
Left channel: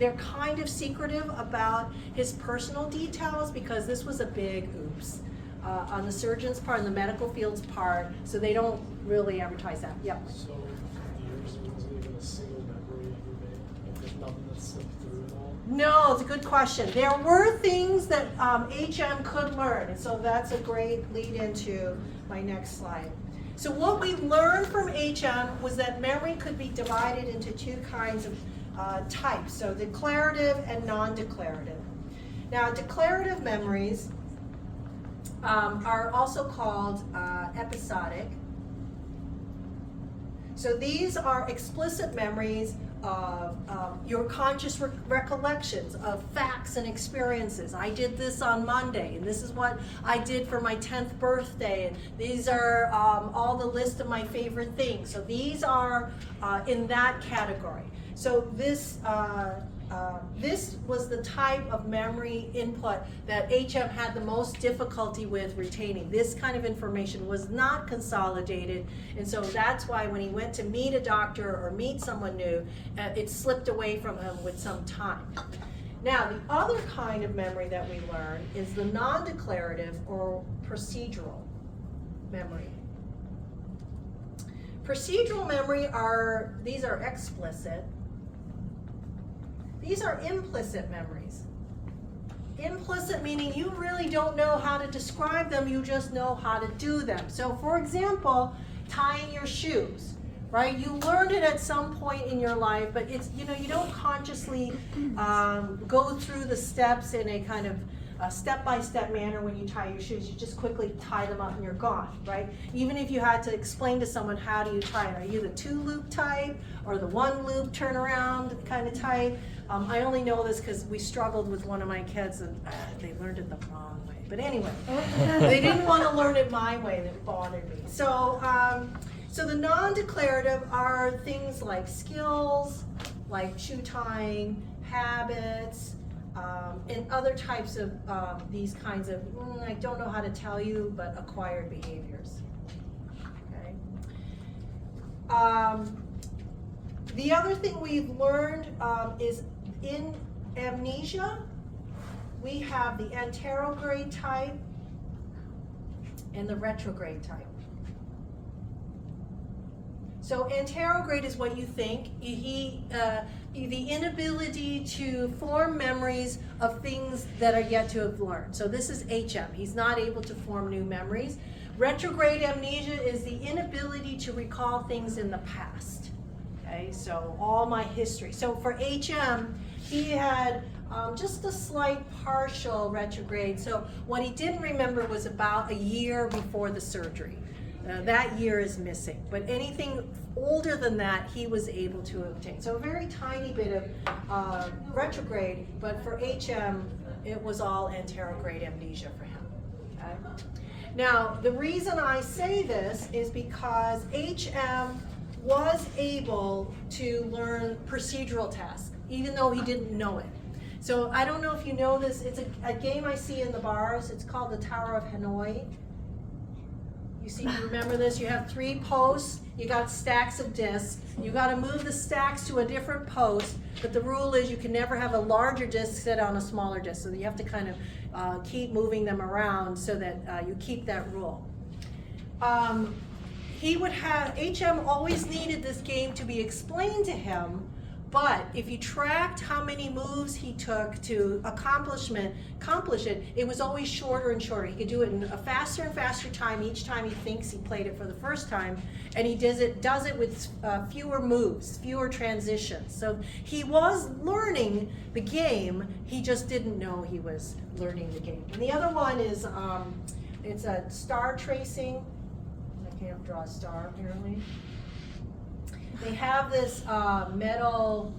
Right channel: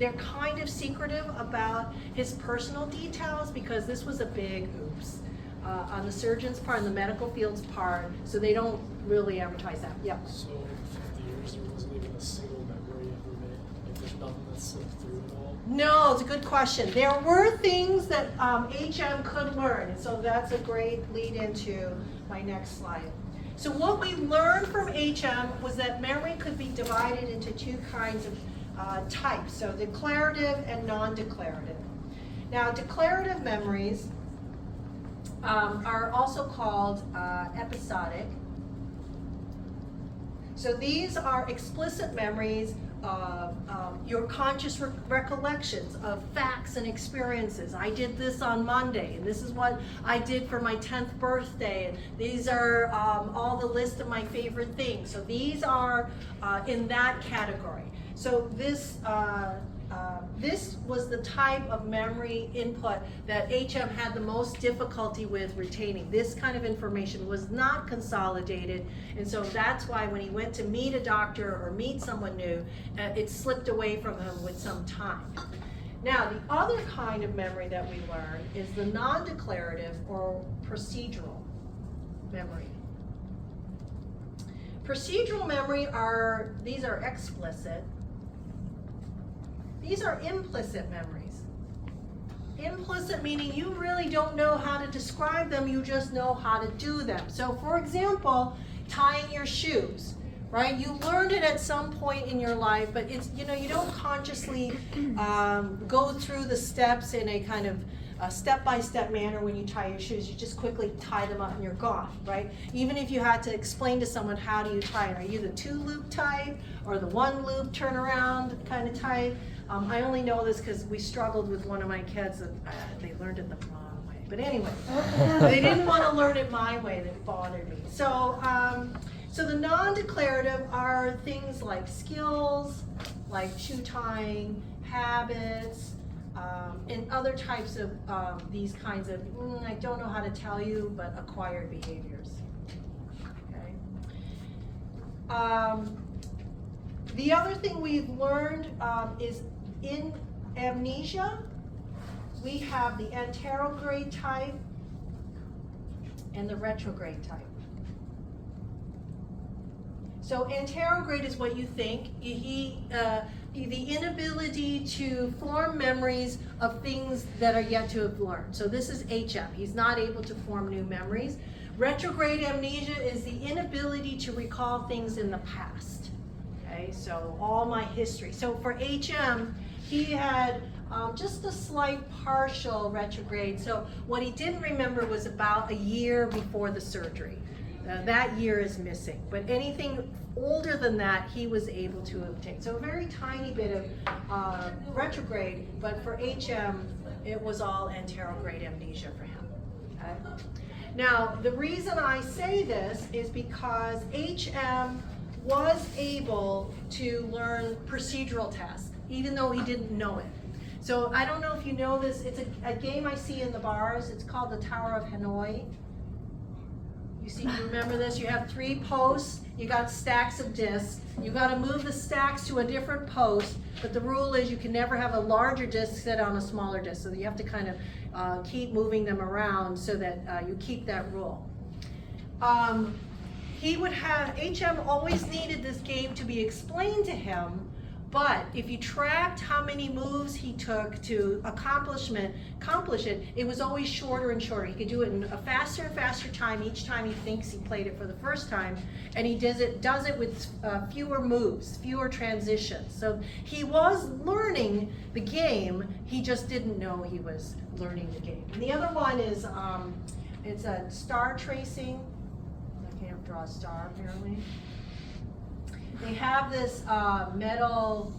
They're kind of secretive about his personal details because this was a big oops on the surgeon's part, on the medical field's part, so they don't really advertise that. Yep. So in 50 years, there wasn't even a single memory ever made? Like there's nothing that slipped through at all? No, it's a good question. There were things that HM could learn, and so that's a great lead into my next slide. So what we learned from HM was that memory could be divided into two kinds of types, so declarative and non-declarative. Now, declarative memories are also called episodic. So these are explicit memories of your conscious recollections of facts and experiences. I did this on Monday, and this is what I did for my 10th birthday, and these are all the list of my favorite things. So these are in that category. So this this was the type of memory input that HM had the most difficulty with retaining. This kind of information was not consolidated, and so that's why when he went to meet a doctor or meet someone new, it slipped away from him with some time. Now, the other kind of memory that we learn is the non-declarative or procedural memory. Procedural memory these are explicit. These are implicit memories. Implicit meaning you really don't know how to describe them, you just know how to do them. So for example, tying your shoes, right? You learned it at some point in your life, but it's, you don't consciously go through the steps in a kind of step-by-step manner when you tie your shoes. You just quickly tie them up and you're gone, right? Even if you had to explain to someone how do you tie it, are you the 2-loop type or the 1-loop turnaround kind of type? I only know this because we struggled with one of my kids and they learned it the wrong way. But anyway, they didn't want to learn it my way, that bothered me. So, so the non-declarative are things like skills, like shoe tying, habits, and other types of these kinds of, I don't know how to tell you, but acquired behaviors. Okay. The other thing we've learned is in amnesia, we have the anterograde type and the retrograde type. So anterograde is what you think. The inability to form memories of things that are yet to have learned. So this is HM. He's not able to form new memories. Retrograde amnesia is the inability to recall things in the past. Okay, so all my history. So for HM, he had just a slight partial retrograde. So what he didn't remember was about a year before the surgery. That year is missing, but anything older than that, he was able to obtain. So a very tiny bit of retrograde, but for HM, it was all anterograde amnesia for him. Okay? Now, the reason I say this is because HM was able to learn procedural tasks, even though he didn't know it. So I don't know if you know this, it's a game I see in the bars, it's called the Tower of Hanoi. You remember this? You have 3 posts, you got stacks of discs, you got to move the stacks to a different post, but the rule is you can never have a larger disc sit on a smaller disc, so you have to kind of keep moving them around so that you keep that rule. HM always needed this game to be explained to him, but if you tracked how many moves he took to accomplish it, it was always shorter and shorter. He could do it in a faster and faster time each time he thinks he played it for the first time, and he does it with fewer moves, fewer transitions. So he was learning the game, he just didn't know he was learning the game. And the other one is, it's a star tracing. I can't draw a star apparently. They have this metal,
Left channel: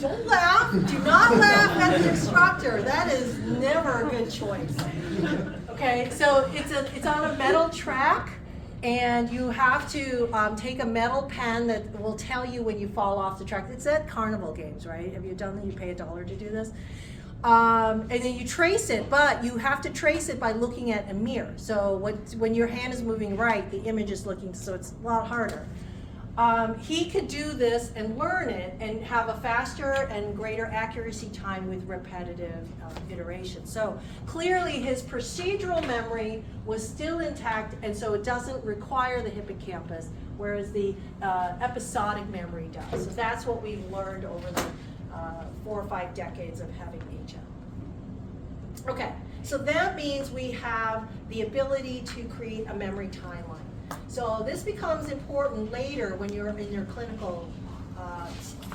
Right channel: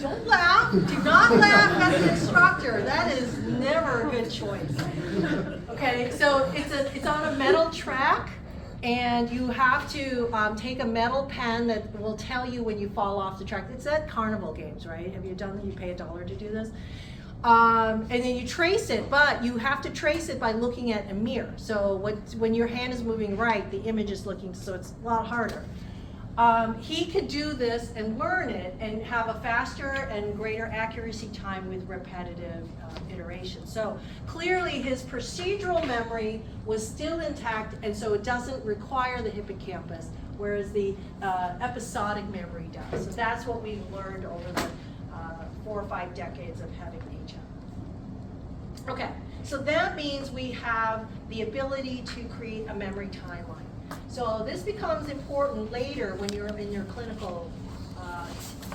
don't laugh, do not laugh at the instructor, that is never a good choice. Okay, so it's on a metal track, and you have to take a metal pen that will tell you when you fall off the track. It's at carnival games, right? Have you done that? You pay $1 to do this? And then you trace it, but you have to trace it by looking at a mirror. So when your hand is moving right, the image is looking, so it's a lot harder. He could do this and learn it and have a faster and greater accuracy time with repetitive iterations. So clearly his procedural memory was still intact, and so it doesn't require the hippocampus, whereas the episodic memory does. So that's what we've learned over the 4 or 5 decades of having HM. Okay, so that means we have the ability to create a memory timeline. So this becomes important later when you're in your clinical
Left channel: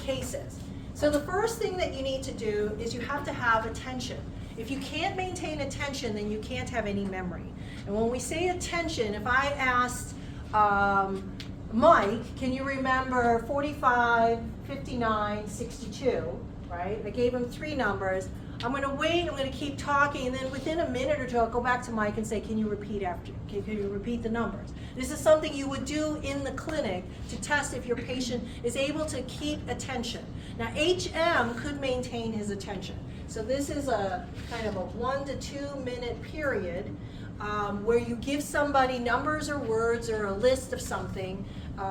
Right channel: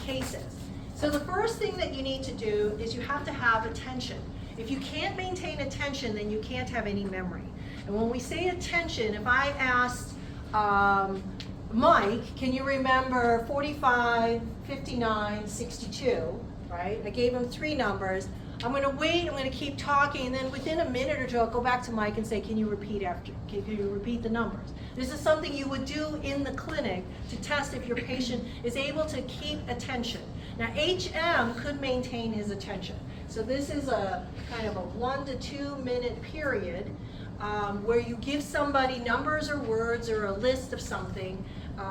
cases. So the first thing that you need to do is you have to have attention. If you can't maintain attention, then you can't have any memory. And when we say attention, if I asked Mike, can you remember 45, 59, 62, right? I gave him 3 numbers. I'm going to wait, I'm going to keep talking, and then within a minute or 2, I'll go back to Mike and say, can you repeat the numbers? This is something you would do in the clinic to test if your patient is able to keep attention. Now, HM could maintain his attention. So this is a kind of a 1 to 2 minute period where you give somebody numbers or words or a list of something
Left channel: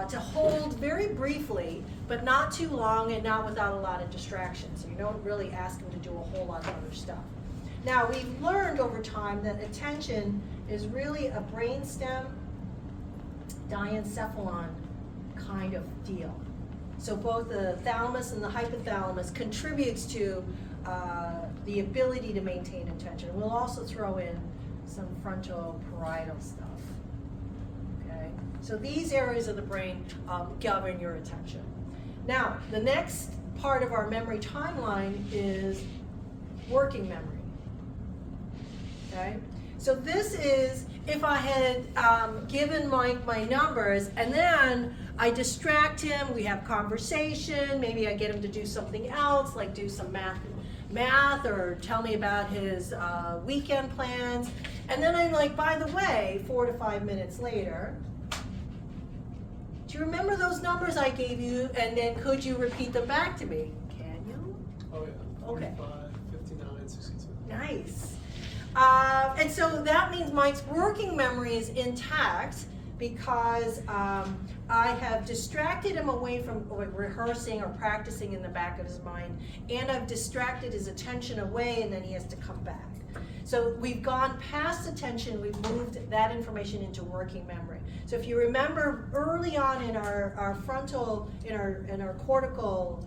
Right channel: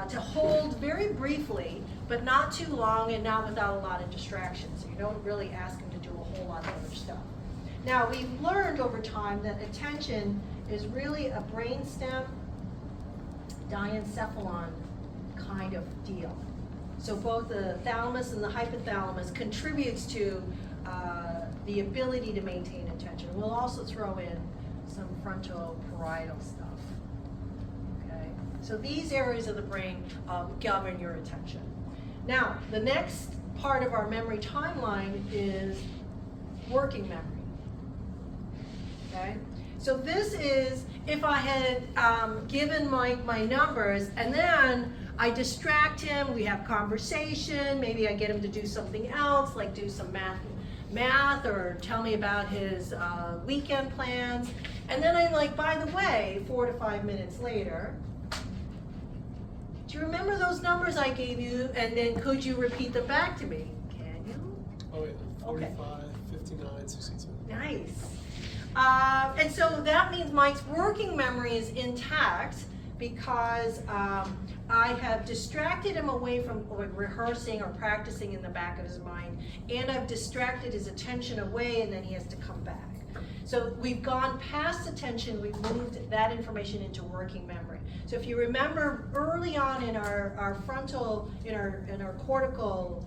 to hold very briefly, but not too long and not without a lot of distractions. So you don't really ask them to do a whole lot of other stuff. Now, we've learned over time that attention is really a brainstem diencephalon kind of deal. So both the thalamus and the hypothalamus contributes to the ability to maintain attention. We'll also throw in some frontal parietal stuff. Okay, so these areas of the brain govern your attention. Now, the next part of our memory timeline is working memory. Okay, so this is if I had given my numbers and then I distract him, we have conversation, maybe I get him to do something else, like do some math or tell me about his weekend plans, and then I'm like, by the way, 4 to 5 minutes later, do you remember those numbers I gave you, and then could you repeat them back to me? Can you? Oh yeah, 45, Okay. 59, 62. Nice. And so that means Mike's working memory is intact because I have distracted him away from rehearsing or practicing in the back of his mind, and I've distracted his attention away, and then he has to come back. So we've gone past attention, we've moved that information into working memory. So if you remember early on in our frontal, in our cortical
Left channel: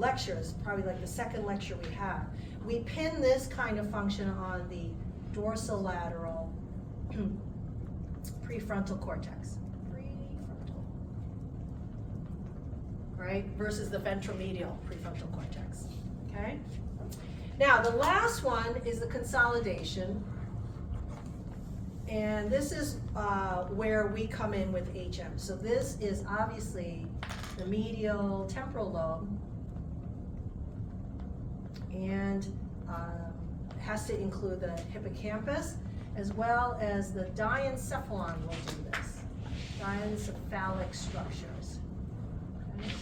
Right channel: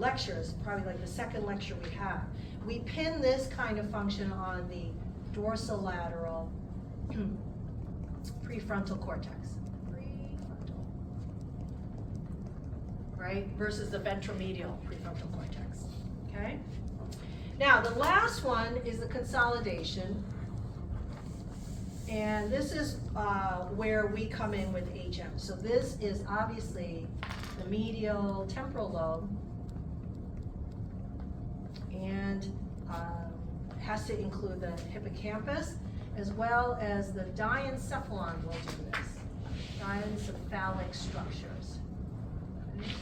lectures, probably like the second lecture we have, we pin this kind of function on the dorsolateral prefrontal cortex. Right, versus the ventromedial prefrontal cortex, okay? Now, the last one is the consolidation, and this is where we come in with HM. So this is obviously the medial temporal lobe, and has to include the hippocampus, as well as the diencephalon will do this, diencephalic structures. Okay.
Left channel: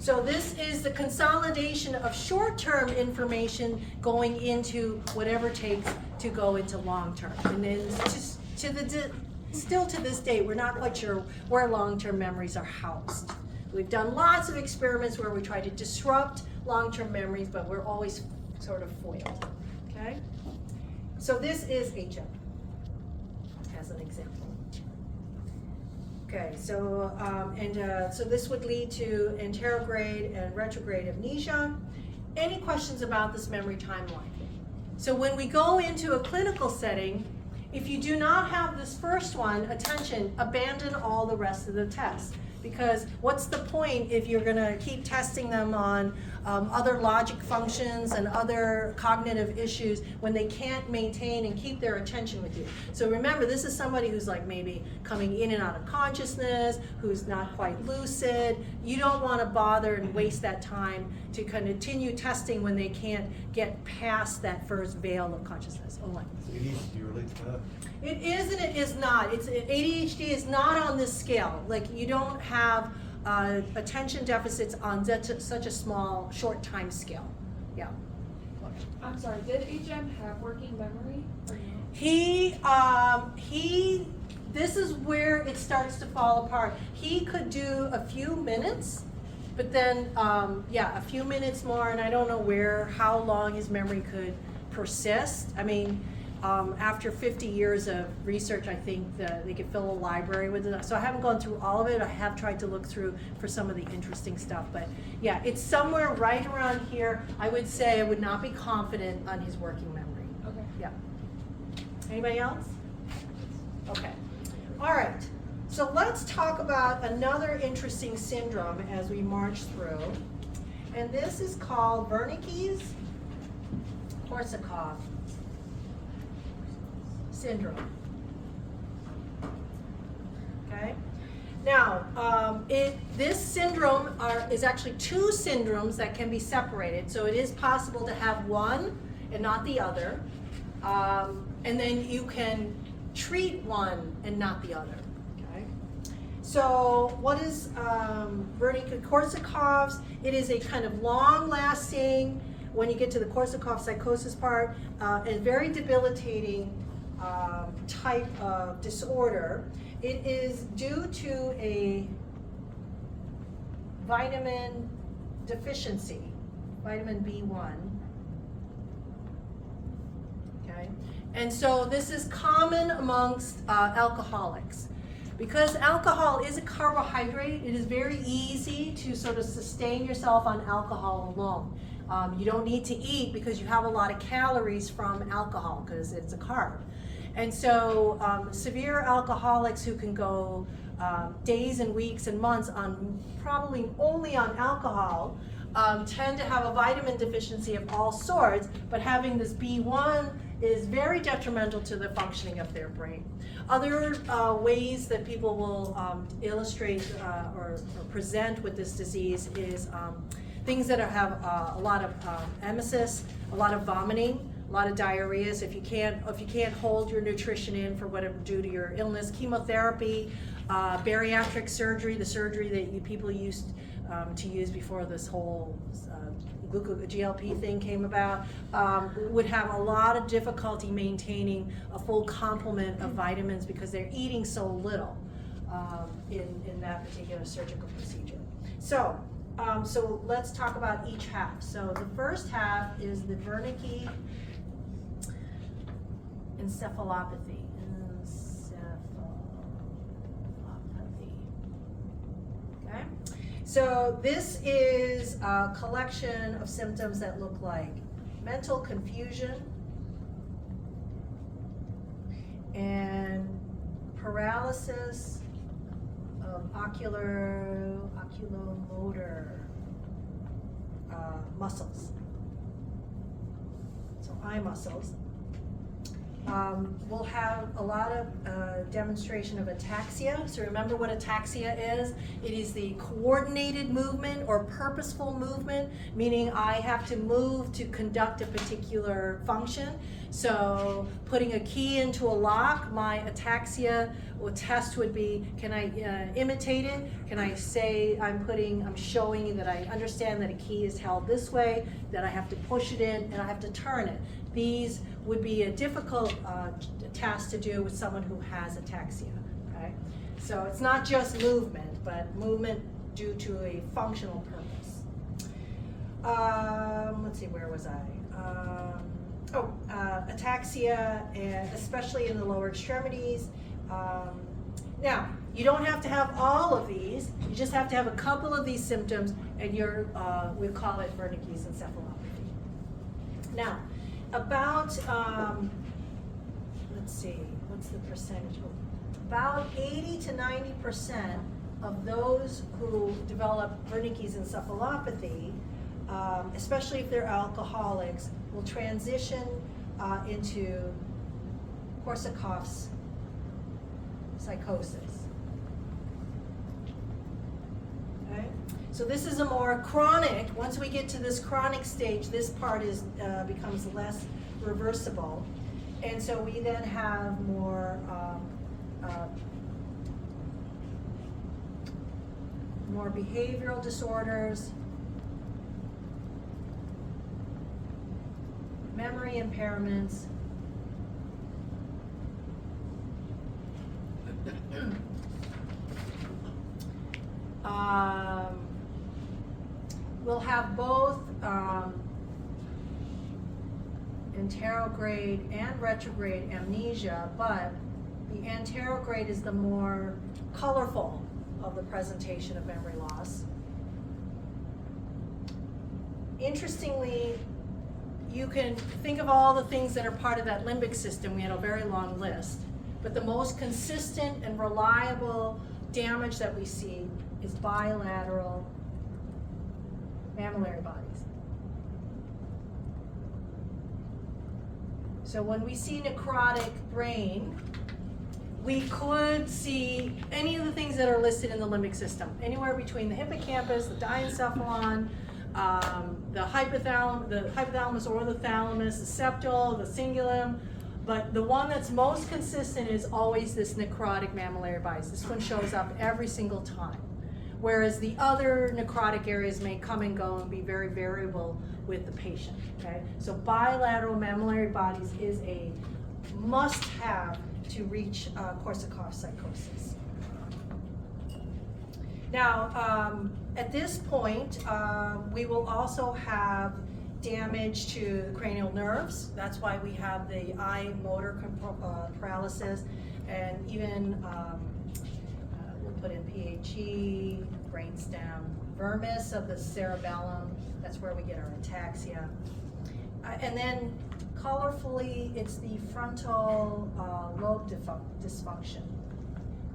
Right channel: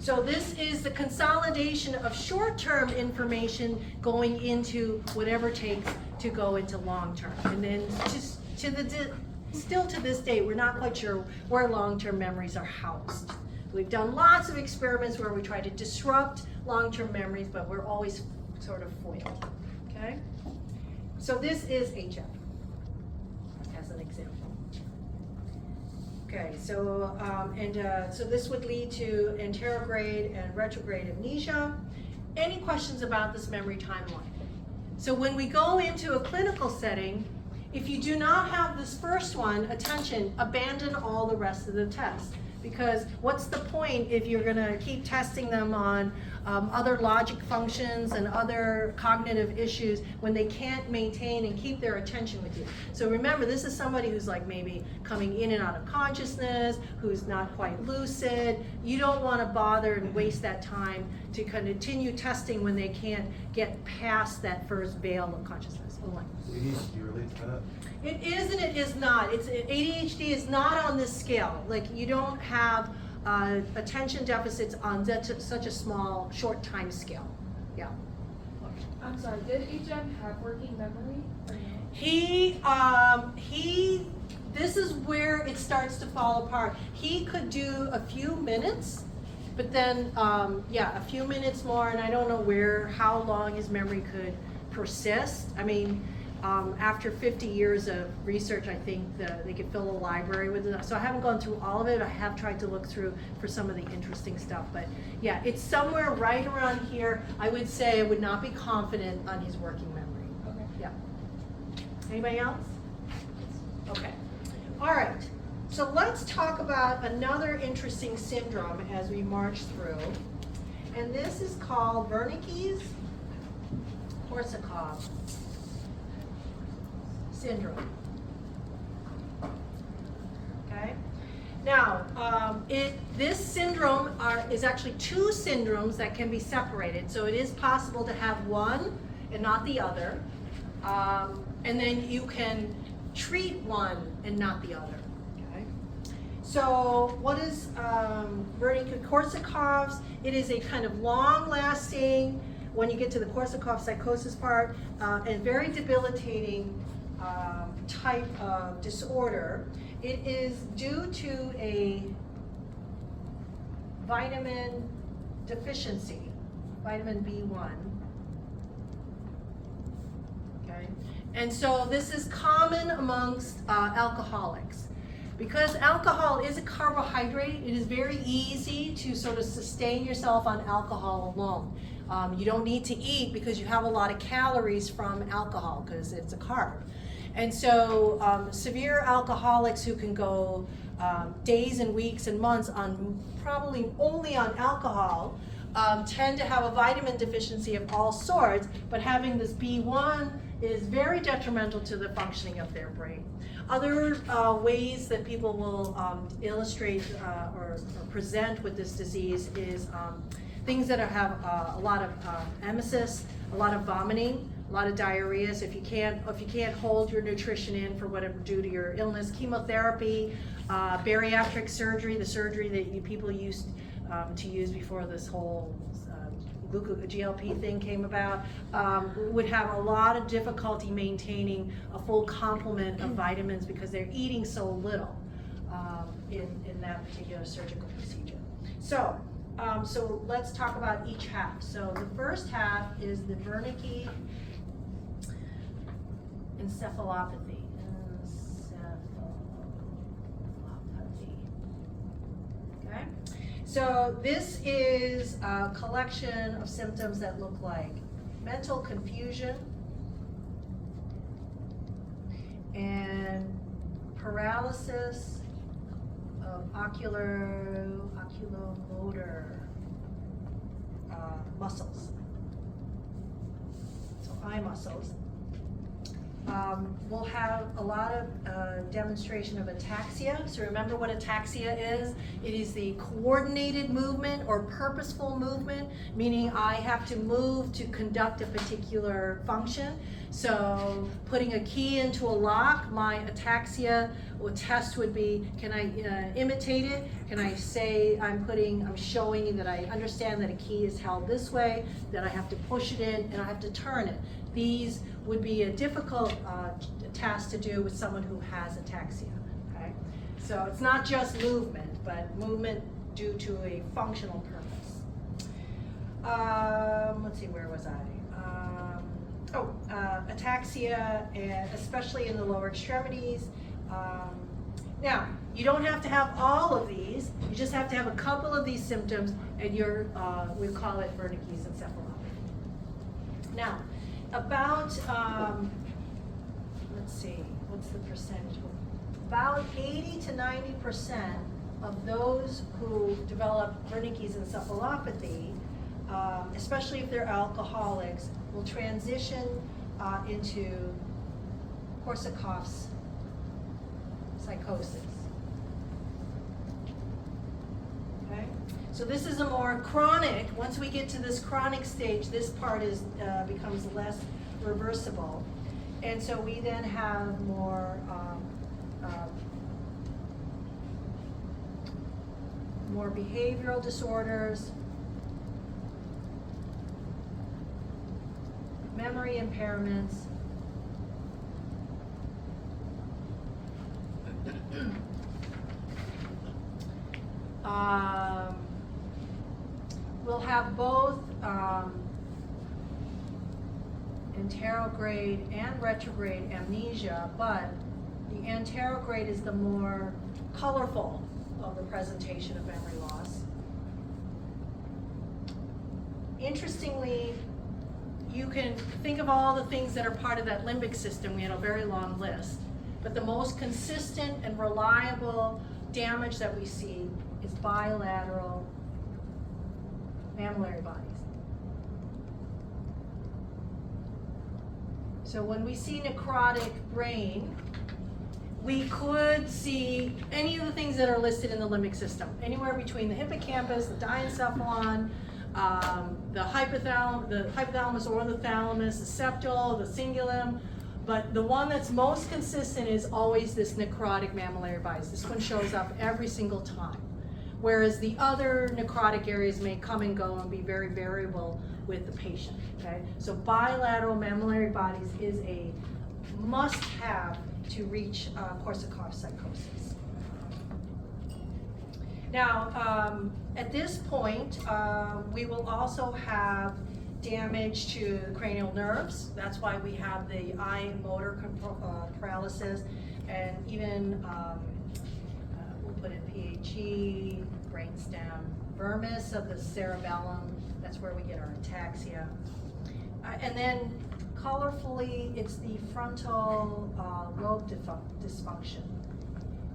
So this is the consolidation of short-term information going into whatever takes to go into long-term. And then still to this day, we're not quite sure where long-term memories are housed. We've done lots of experiments where we try to disrupt long-term memories, but we're always sort of foiled, okay? So this is HM, as an example. Okay, so, so this would lead to anterograde and retrograde amnesia. Any questions about this memory timeline? So when we go into a clinical setting, if you do not have this first one, attention, abandon all the rest of the tests. Because what's the point if you're gonna keep testing them on other logic functions and other cognitive issues when they can't maintain and keep their attention with you? So remember, this is somebody who's like maybe coming in and out of consciousness, who's not quite lucid. You don't wanna bother and waste that time to continue testing when they can't get past that first veil of consciousness. Oh, So ADHD relates to that? it is and it is not. ADHD is not on this scale. Like, you don't have attention deficits on such a small, short time scale. Yeah. I'm sorry, did HM have working memory or no? This is where it starts to fall apart. He could do a few minutes, but then, a few minutes more, and I don't know how long his memory could persist. I mean, after 50 years of research, I think they could fill a library with it. So I haven't gone through all of it. I have tried to look through for some of the interesting stuff. But yeah, it's somewhere right around here. I would say I would not be confident on his working memory. Okay. Yeah. Anybody else? Okay. All right. So let's talk about another interesting syndrome as we march through. And this is called Wernicke's-Korsakoff syndrome. Okay. Now, this syndrome is actually two syndromes that can be separated. So it is possible to have one and not the other, and then you can treat one and not the other. Okay. So what is Wernicke-Korsakoff's? It is a kind of long-lasting, when you get to the Korsakoff psychosis part, and very debilitating type of disorder. It is due to a vitamin deficiency, vitamin B1. Okay, and so this is common amongst alcoholics. Because alcohol is a carbohydrate, it is very easy to sort of sustain yourself on alcohol alone. You don't need to eat because you have a lot of calories from alcohol because it's a carb. And so severe alcoholics who can go days and weeks and months on probably only on alcohol tend to have a vitamin deficiency of all sorts, but having this B1 is very detrimental to the functioning of their brain. Other ways that people will illustrate or present with this disease is things that have a lot of emesis, a lot of vomiting, a lot of diarrhea. So if you can't hold your nutrition in for whatever due to your illness, chemotherapy, bariatric surgery, the surgery that people used to use before this whole GLP thing came about, would have a lot of difficulty maintaining a full complement of vitamins because they're eating so little in that particular surgical procedure. So, so let's talk about each half. So the first half is the Wernicke encephalopathy. Okay. So this is a collection of symptoms that look like mental confusion and paralysis of oculomotor muscles, so eye muscles. We'll have a lot of demonstration of ataxia. So remember what ataxia is? It is the coordinated movement or purposeful movement, meaning I have to move to conduct a particular function. So putting a key into a lock, my ataxia or test would be, can I imitate it? Can I say I'm showing you that I understand that a key is held this way, that I have to push it in, and I have to turn it. These would be a difficult task to do with someone who has ataxia, okay? So it's not just movement, but movement due to a functional purpose. Let's see, where was I? Ataxia, and especially in the lower extremities. Now, you don't have to have all of these, you just have to have a couple of these symptoms, and you're, we call it Wernicke's encephalopathy. Now, about, let's see, what's the percentage? About 80 to 90% of those who develop Wernicke's encephalopathy, especially if they're alcoholics, will transition into Korsakoff's psychosis. Okay? So this is a more chronic, once we get to this chronic stage, this part is becomes less reversible. And so we then have more behavioral disorders, memory impairments, we'll have both anterograde and retrograde amnesia, but the anterograde is the more colorful of the presentation of memory loss. Interestingly, you can think of all the things that are part of that limbic system. We had a very long list, but the most consistent and reliable damage that we see is bilateral mammillary bodies. So when we see necrotic brain, we could see any of the things that are listed in the limbic system, anywhere between the hippocampus, the diencephalon, the hypothalamus or the thalamus, the septal, the cingulum, But the one that's most consistent is always this necrotic mammillary bodies. This one shows up every single time. Whereas the other necrotic areas may come and go and be very variable with the patient, okay? So bilateral mammillary bodies is a must-have to reach Korsakoff psychosis. Now, at this point, we will also have damage to the cranial nerves. That's why we have the eye motor paralysis, and even we'll put in PHE, brainstem, vermis of the cerebellum. That's where we get our ataxia. And then colorfully, it's the frontal lobe dysfunction.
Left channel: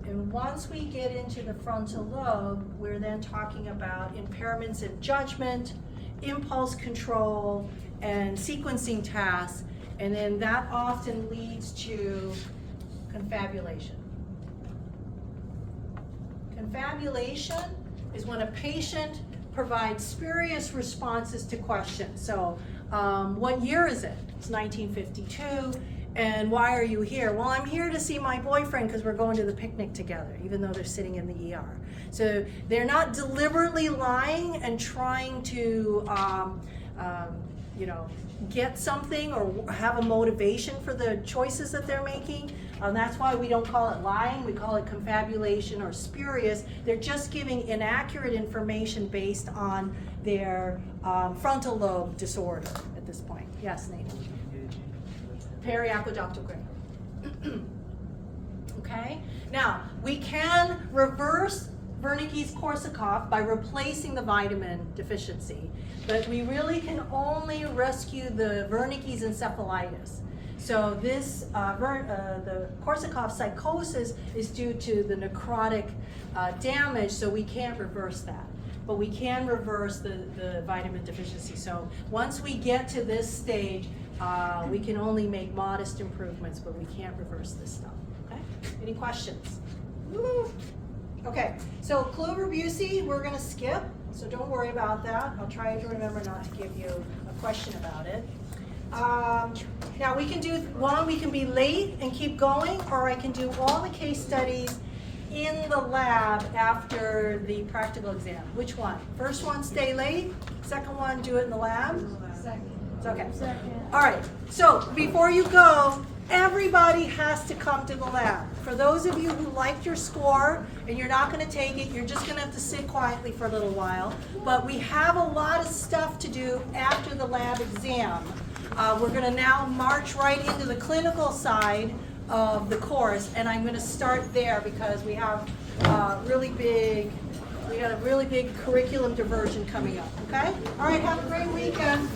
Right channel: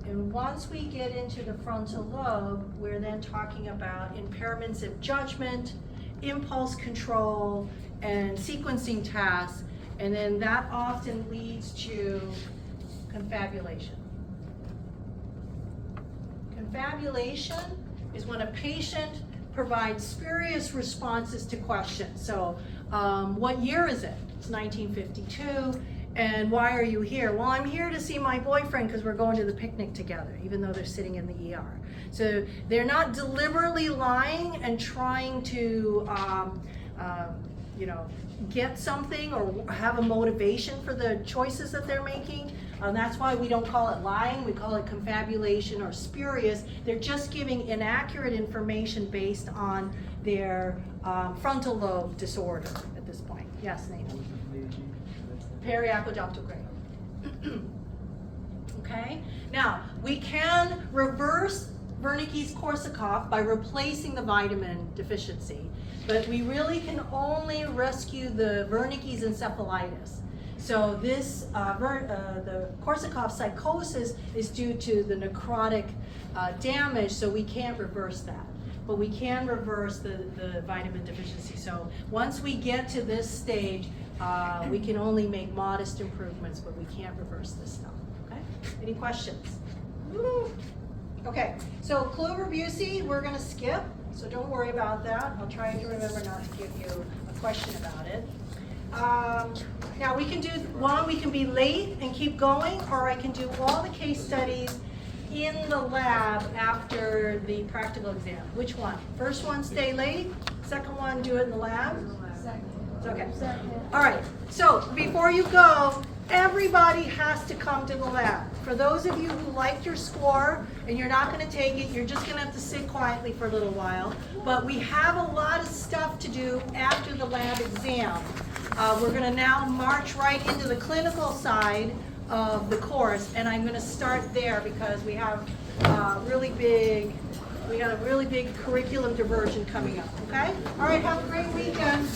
And once we get into the frontal lobe, we're then talking about impairments in judgment, impulse control, and sequencing tasks, and then that often leads to confabulation. Confabulation is when a patient provides spurious responses to questions. So, what year is it? It's 1952. And why are you here? Well, I'm here to see my boyfriend because we're going to the picnic together, even though they're sitting in the ER. So they're not deliberately lying and trying to, get something or have a motivation for the choices that they're making. That's why we don't call it lying, we call it confabulation or spurious. They're just giving inaccurate information based on their frontal lobe disorder at this point. Yes, Nathan? Periaqueductal cranium. Okay? Now, we can reverse Wernicke's-Korsakoff by replacing the vitamin deficiency, but we really can only rescue the Wernicke's encephalitis. So this, the Korsakoff psychosis is due to the necrotic damage, so we can't reverse that. But we can reverse the vitamin deficiency. So once we get to this stage, we can only make modest improvements, but we can't reverse this stuff. Okay? Any questions? Woo. Okay, so Kluver-Bucy, we're going to skip, so don't worry about that. I'll try to remember not to give you a question about it. Now we can do one, we can be late and keep going, or I can do all the case studies in the lab after the practical exam. Which one? First one, stay late. Second one, do it in the lab. Second. Okay. All right. So before you go, everybody has to come to the lab. For those of you who liked your score and you're not going to take it, you're just going to have to sit quietly for a little while. But we have a lot of stuff to do after the lab exam. We're going to now march right into the clinical side of the course, and I'm going to start there because we have a really big curriculum diversion coming up. Okay? All right. Have a great weekend.